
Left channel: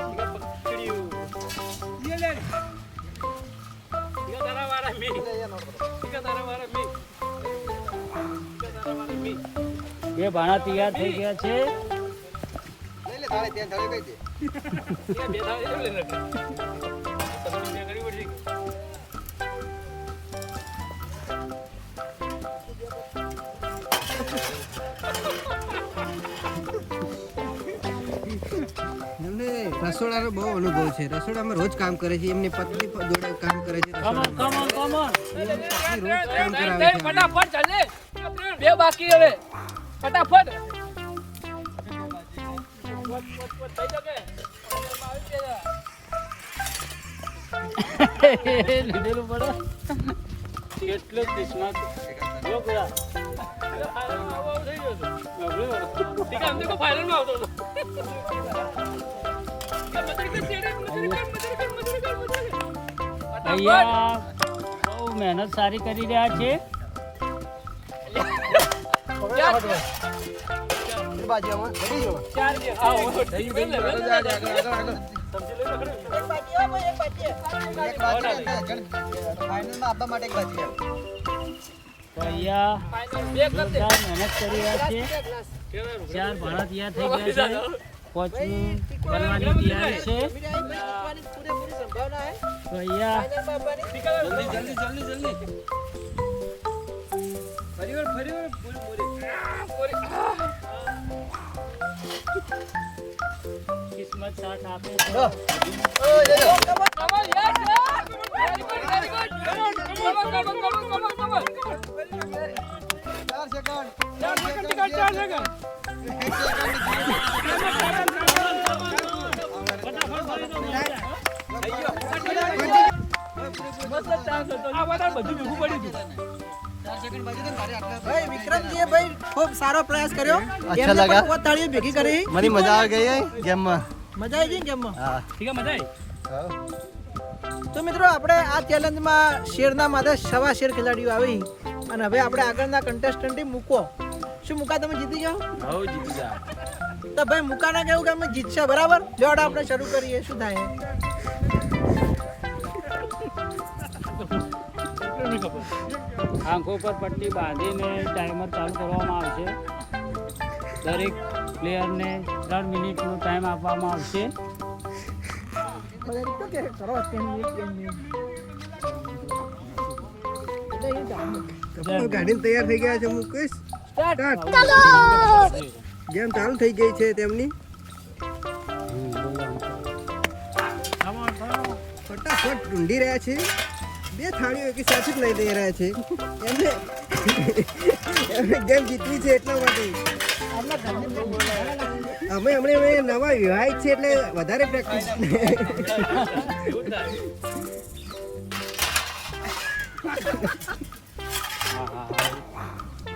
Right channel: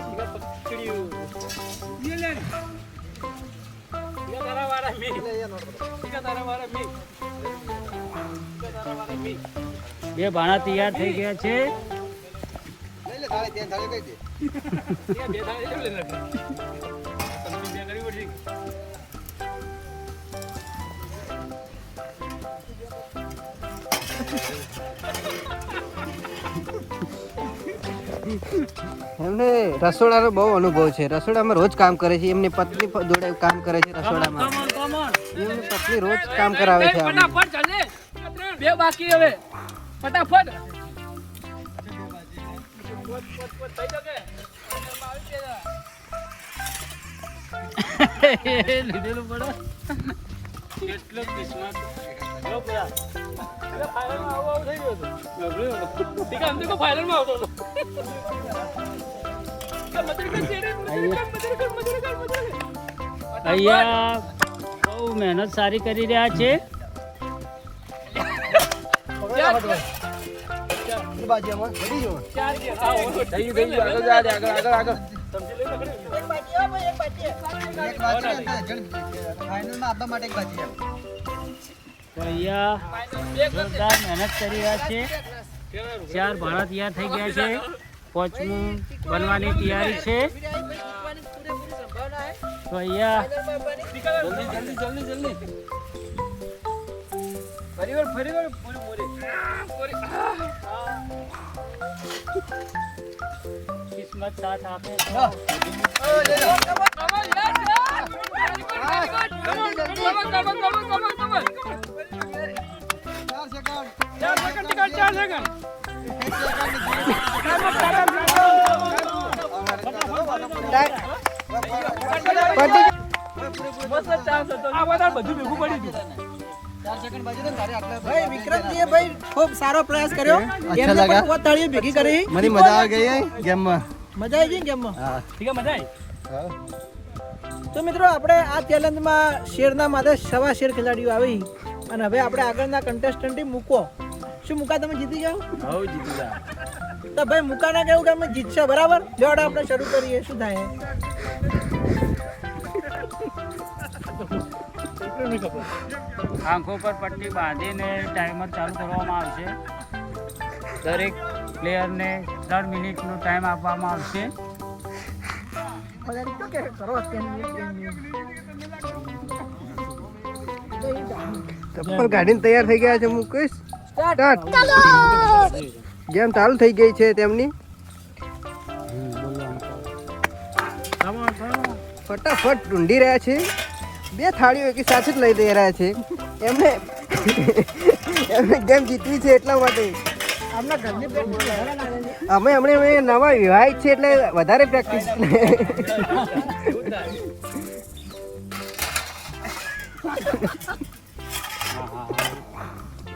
બે ભાણા તૈયાર થઈ ગયા છે. એમને રસોડાનો બહુ અનુભવ છે. રસોડામાં રોજ કામ કરે છે. એમની પત્ની જોડે કામ કરે છે રસોડામાં. એમની પત્ની રોજ કામ કરાવે છે. ફટાફટ ચાલે. 2 બાકી હવે. ફટાફટ. લીધેલું પડે. કેટલો કિસ્મત. લો ગયા. ફાઇનલમાં આવું થઈ ગયો હતો. ઠીક છે, અમને કો ફાઇનલમાં આવતો હતો. અહીંયા બહુ મહેનત સારી કરી રહ્યા છે. તો અહીંયા જોરદાર મહેનત કરી રહ્યા છે. 4 ભાડા તૈયાર થઈ ગયા છે. 5મું બનવાની તૈયારી છે. તો અહીંયા કિસ્મત સાથ આપે છે. ભાઈ વિક્રમજીએ ભાઈ ખૂબ સારો પ્રયાસ કર્યો. એમને પણ કોઈ તાળીઓ ભેગી કરી. મને મજા આવી ગઈ ગેમમાં. મજા આવી ગઈ ને ગેમમાં? ઠીક છે, મજા આવી. તો મિત્રો આપણે આ ચેલેન્જમાં શેરના માથે 1.25 શેર ખેલાડીઓ આવી અને હવે આપણે આગળના કન્ટેસ્ટન્ટ મૂકો. શું મુકા તમે જીતી જાઓ? હવ જીતી જા. તો ભાઈ મુકાના કેવું કે અમે જીતશે, બરાબર? જોડ આપણે શરૂ કરીએ. શું થાય? આંખો પર પટ્ટી બાંધીને ટાઈમર ચાલુ કરવામાં આવશે. દરેક પ્લેયરને 3 મિનિટનો ટાઈમ આપવામાં આવશે. ચપ્પલ કાઢીને તૈયાર થઈ ગયા છે. મુકેશ સ્ટાર્ટ. ગેમ ચાલુ થઈ ગઈ છે તેમની. ફટાફટ ઢૂંઢી રહ્યા છે. 2 થાળીઓ એકી સાથે જ લઈ દઈ રહ્યા છે. એમને ગેમ જીતવી છે એટલા માટે. અમે હમણાં નવા વિવાહિત છે એટલે વધારે પ્રેક્ટિસ.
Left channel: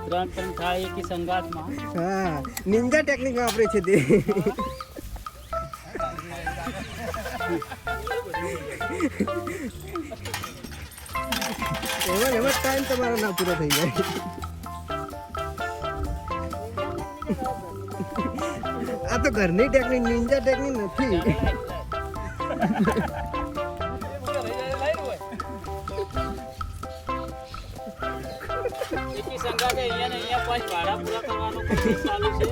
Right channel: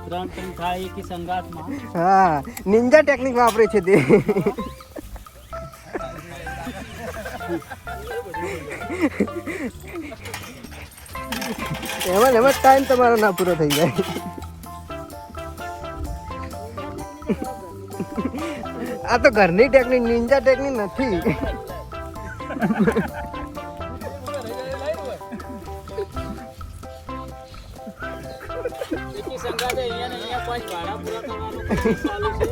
ત્રણ થાય એકી સંગાતમાં. હા, નિંજા ટેકનિક વાપરે છે તે. એમાં ટાઈમ તમારો ના પૂરો થઈ જાય. આ તો ઘરની ટેકનિક, નિંજા ટેકનિક નથી. એકી સંગાતે અહીંયા ને અહીંયા 5 ભાડા પૂરા કરવાનો કોશિશ ચાલુ છે.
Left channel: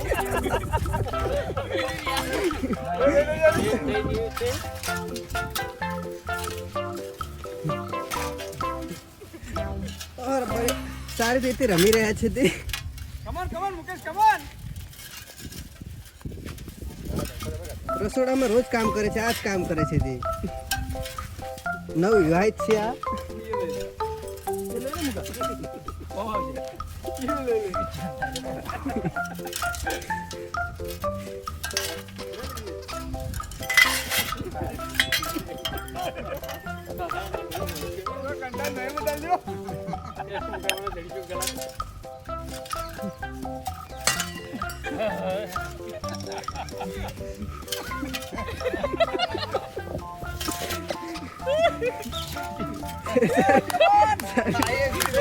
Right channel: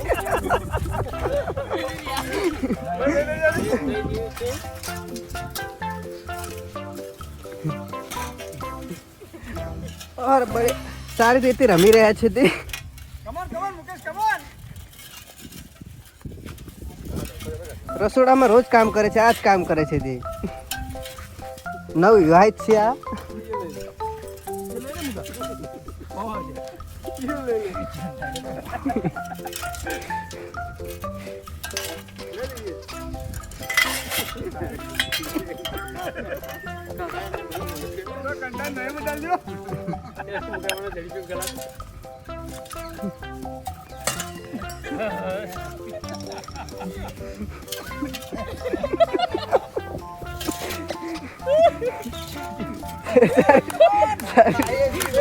ઓર બડે સારી રીતે રમી રહ્યા છે તે. રસોડામાં રોજ કામ કરે છે, આ જ કામ કરે છે તે. નવ વિવાહિત છે આ.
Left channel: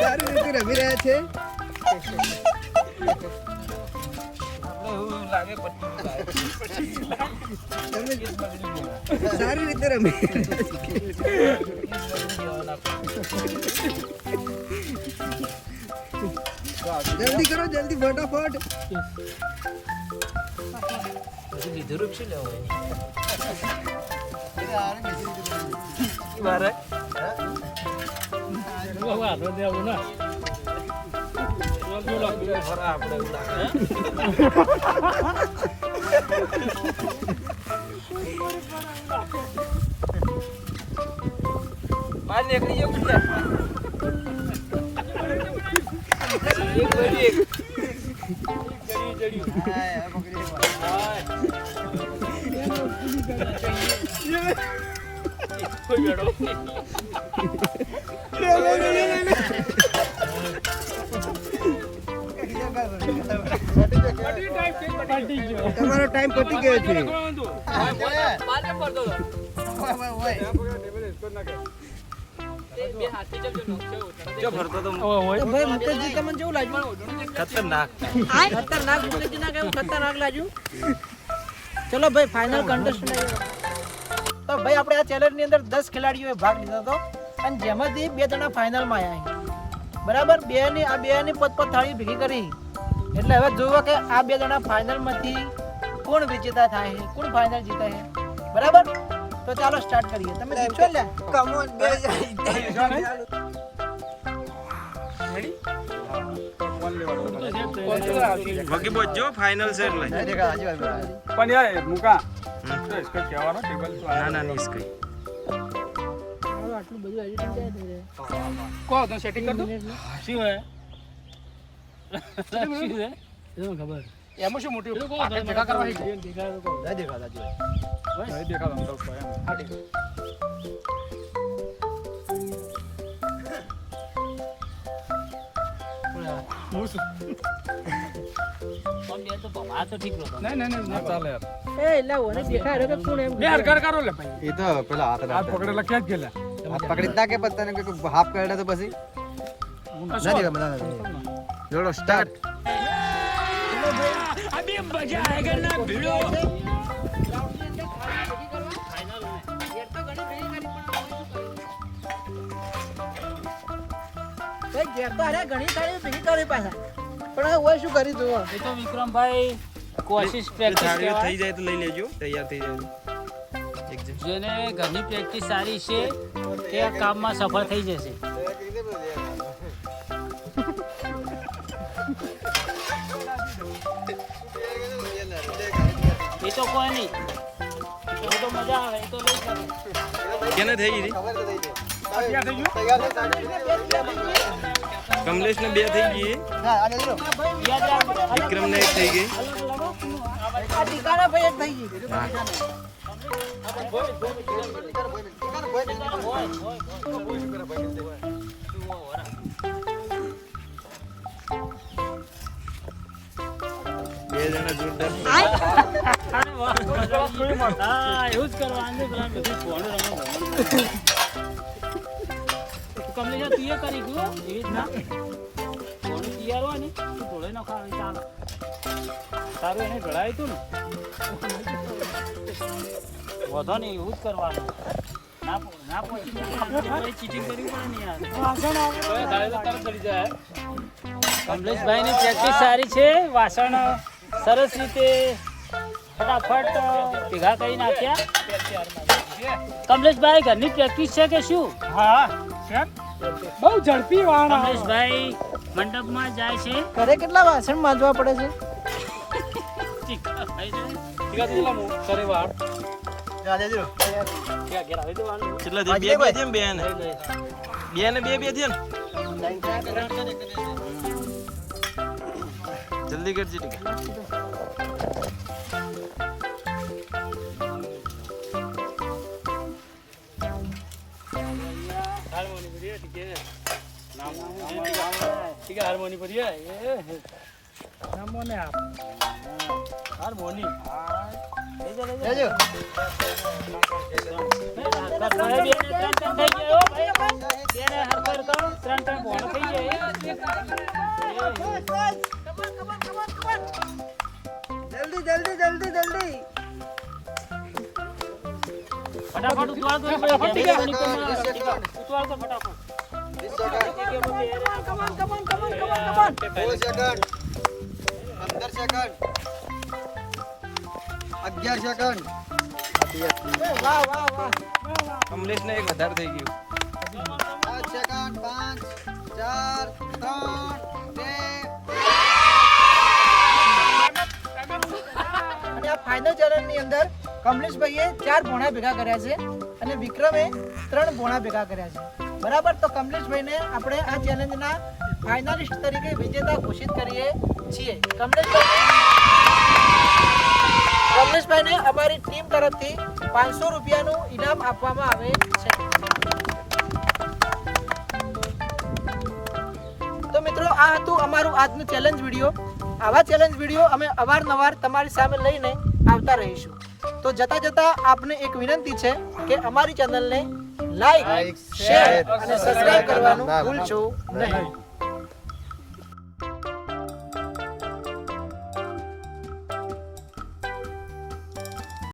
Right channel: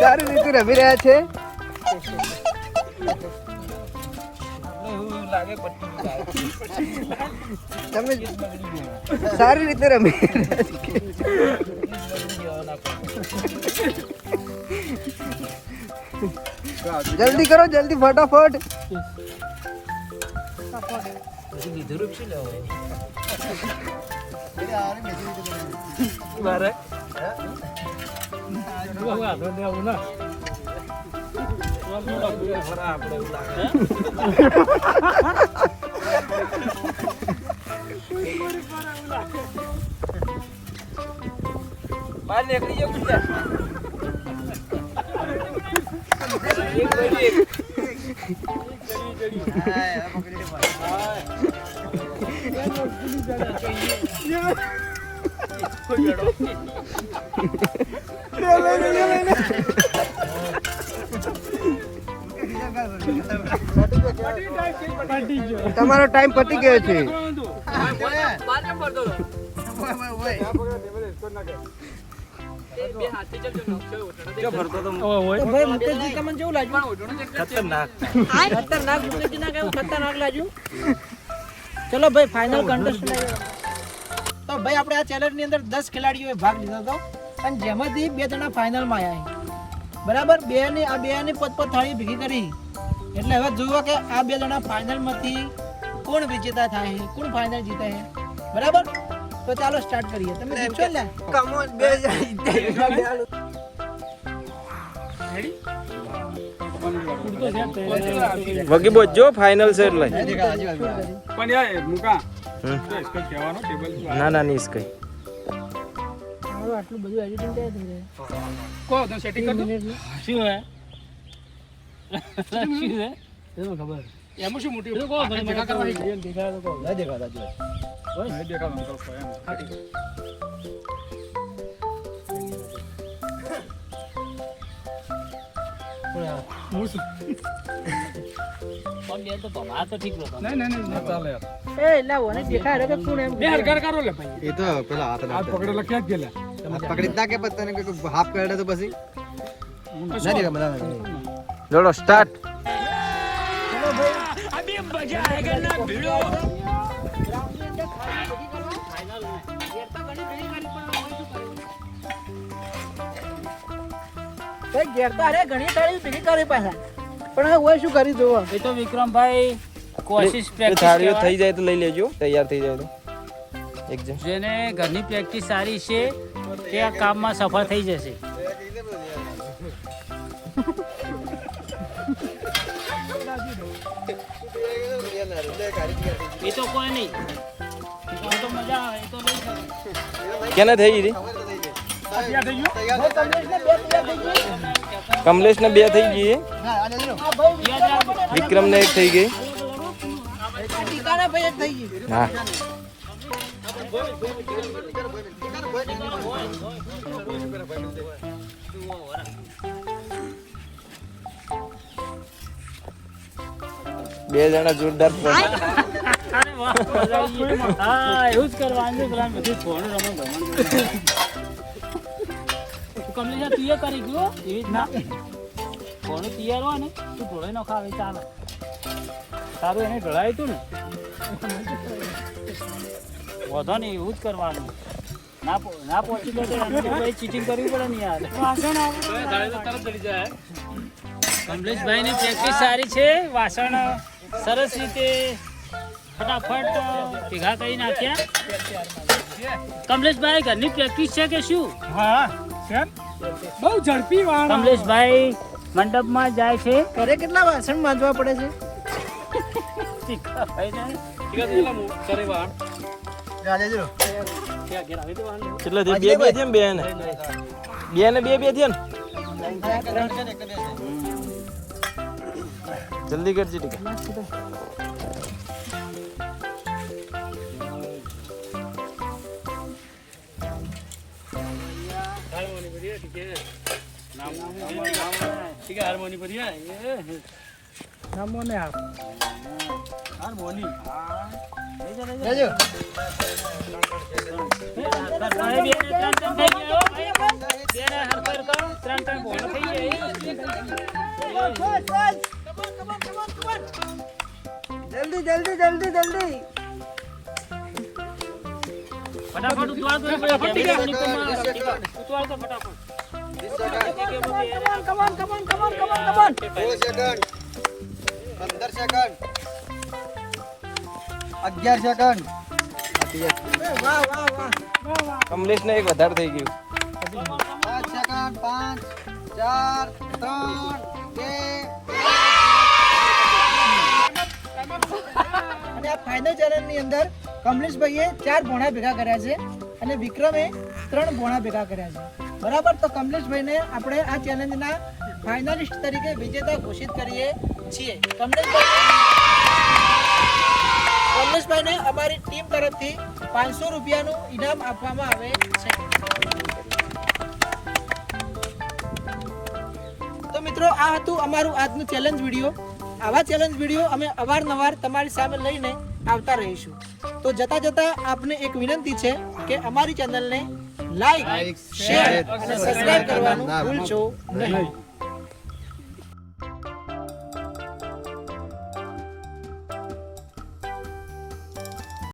સારી રીતે રમી રહ્યા છે. તમે સારી રીતે રમી જલ્દી કરો, જલ્દી ફટાફટ. બહાર નીકળી જાવ કે તમારો ટાઈમ પતી ગયો છે. જો ફરતો તો તો ભાઈ મુકેશજી તમને કેવું લાગ્યું? ખતરનાક. ખતરનાક મુકેશજી ના કેવું ખતરનાક લાગ્યું? ચલો ભાઈ ફાઇનલ કન્ટેસ્ટન્ટ તો ભાઈ આપણે આ ચેલેન્જ ની અંદર 10 ખેલાડીઓએ ભાગ લીધો હતો અને જેમાંથી 2 જણા ફાઇનલ માં આવ્યા બરાબર. આ બે ની પોતપોત થાળી ભેગી કરી એટલે હવે જુઓ કે આ 2 જણા ફાઇનલ માંથી કોણ વિજેતા થાય છે, કોણ ફાઇનલ જીતે છે બરાબર. તો ચાલો સ્ટાર્ટ કરીએ. તમે જીતશો લે. કમ ઓન બે વગી બોજો ફાઇનલ છે એટલે પણ યાર મુકા इसको કહેવાનો ટેબલ ના ના નહીં કઈ આટલું બધું એડિટિંગ કો તો સેટિંગ કર દો શું હે શું છે ખબર એમાં શું મોટી એ કહો ભાઈ, જગા કરવાની છે દેખાય તો કહો. નહીં દેખાતું તો હાટી હું શું? પણ બે તો ભમા તો ઠીક હતો. નહીં ના ચાલે યાર એ એટલે ઓને દેખાય રે કે કોણ એમ બે હરકાર કરો લે ભાઈ એ તો પેલા હાથ આ પકડેલા ક્યાં જ ગયેલા પકડી નાખે પછી તને કોઈ હાફ કરડે તો પછી ના દેખા મને જોડો સ્ટાર્ટ अभी मजा आएगा ना भिड़ो પણ શું કરી જોવા એ તો વિક્રમભાઈ કોશિશ પ્રેક્ટિસ થાળીઓ કહેવાય. થઈ જાય તો લઈ લેજો તૈયાર થઈ જાય તો એક જણ જેને ઘરની પ્રેક્ટિસ સારી છે તે આ કામમાં સફળ થઈ જશે. એ તો કોઈ નહીં, એ તો મજા આવે, એ તો લઈ શકે. કેને થઈ ગઈ ત્યાં થઈ ગયું કમલેશ ને 2 થઈ ગઈ વિક્રમ ને 1 થઈ ગઈ ટીકાના ભાઈ એક થઈ ગઈ. હા બે જણા જોરદાર અરે વાહ, મજા આવી. હા, એવું જ કરવાનું પેલા બધું ફોન રમણ ભમણ. તમે તું એ કરી ગયો એવી રીતના ફોન તૈયાર હોય ને તું ઢોળાઈ નો ખાવે ચાલો સારું એને ઢોળાય તું વધો નહીં એવું જ કરવાનું. ના પહોંચી જાય ચીટિંગ કરવી પડે ને યાર. કમલેશભાઈ ની પ્રેક્ટિસ સારી છે. વાસણ સરસ રીતે ફટાફટ ભેગા કરી નાખ્યા. કમલેશભાઈ ઘરની પ્રેક્ટિસ છે કે શું? હા કેમ બહુ ઝડપી વાળા કમલેશભાઈ મંડપમાં જાય છે. ઘરે કેટલા વાસણ માંજવા પડે છે? કેટલા થઈ 2 થયા ને 2 ને 2 થયા ને જલ્દી કરજે ટીકા હાર્મોની પર હાર્મોની જાજો. જલ્દી જલ્દી જલ્દી જલ્દી. ફટાફટ ઉતવાર દો. ફટાફટ ઉતવાર દો ફટાફટ. Come on, come on, come on, come on, come on. 2 second 15 second 11 second વાહ વાહ વાહ. કમલેશ ને 1 વધારે થઈ ગયું 5 સેકન્ડ 5 4 3 2 અને આ ફાઇનલ ચેલેન્જ ની અંદર કમલેશભાઈએ 4 ભોણા ભેગા કર્યા છે અને વિક્રમે 3 ભોણા ભેગા કર્યા છે બરાબર. તો કમલેશભાઈને આપણે આ ચેલેન્જના ફાઇનલિસ્ટ તરીકે વિજેતા ઘોષિત કરીએ છીએ. કમલેશભાઈને અમારી ટીમ તરફથી 500 રૂપિયાનું ઇનામ આપવામાં આવે છે. તો મિત્રો આ હતું અમારું આજનું ચેલેન્જ વિડીયો. આવા ચેલેન્જ વિડીયો અમે અવારનવાર તમારી સામે લઈને આવતા રહીશું. તો જતા જતા આપને એક વિનંતી છે કે અમારી ચેનલને લાઈક, શેર અને સબસ્ક્રાઇબ કરવાનું ભૂલશો નહીં.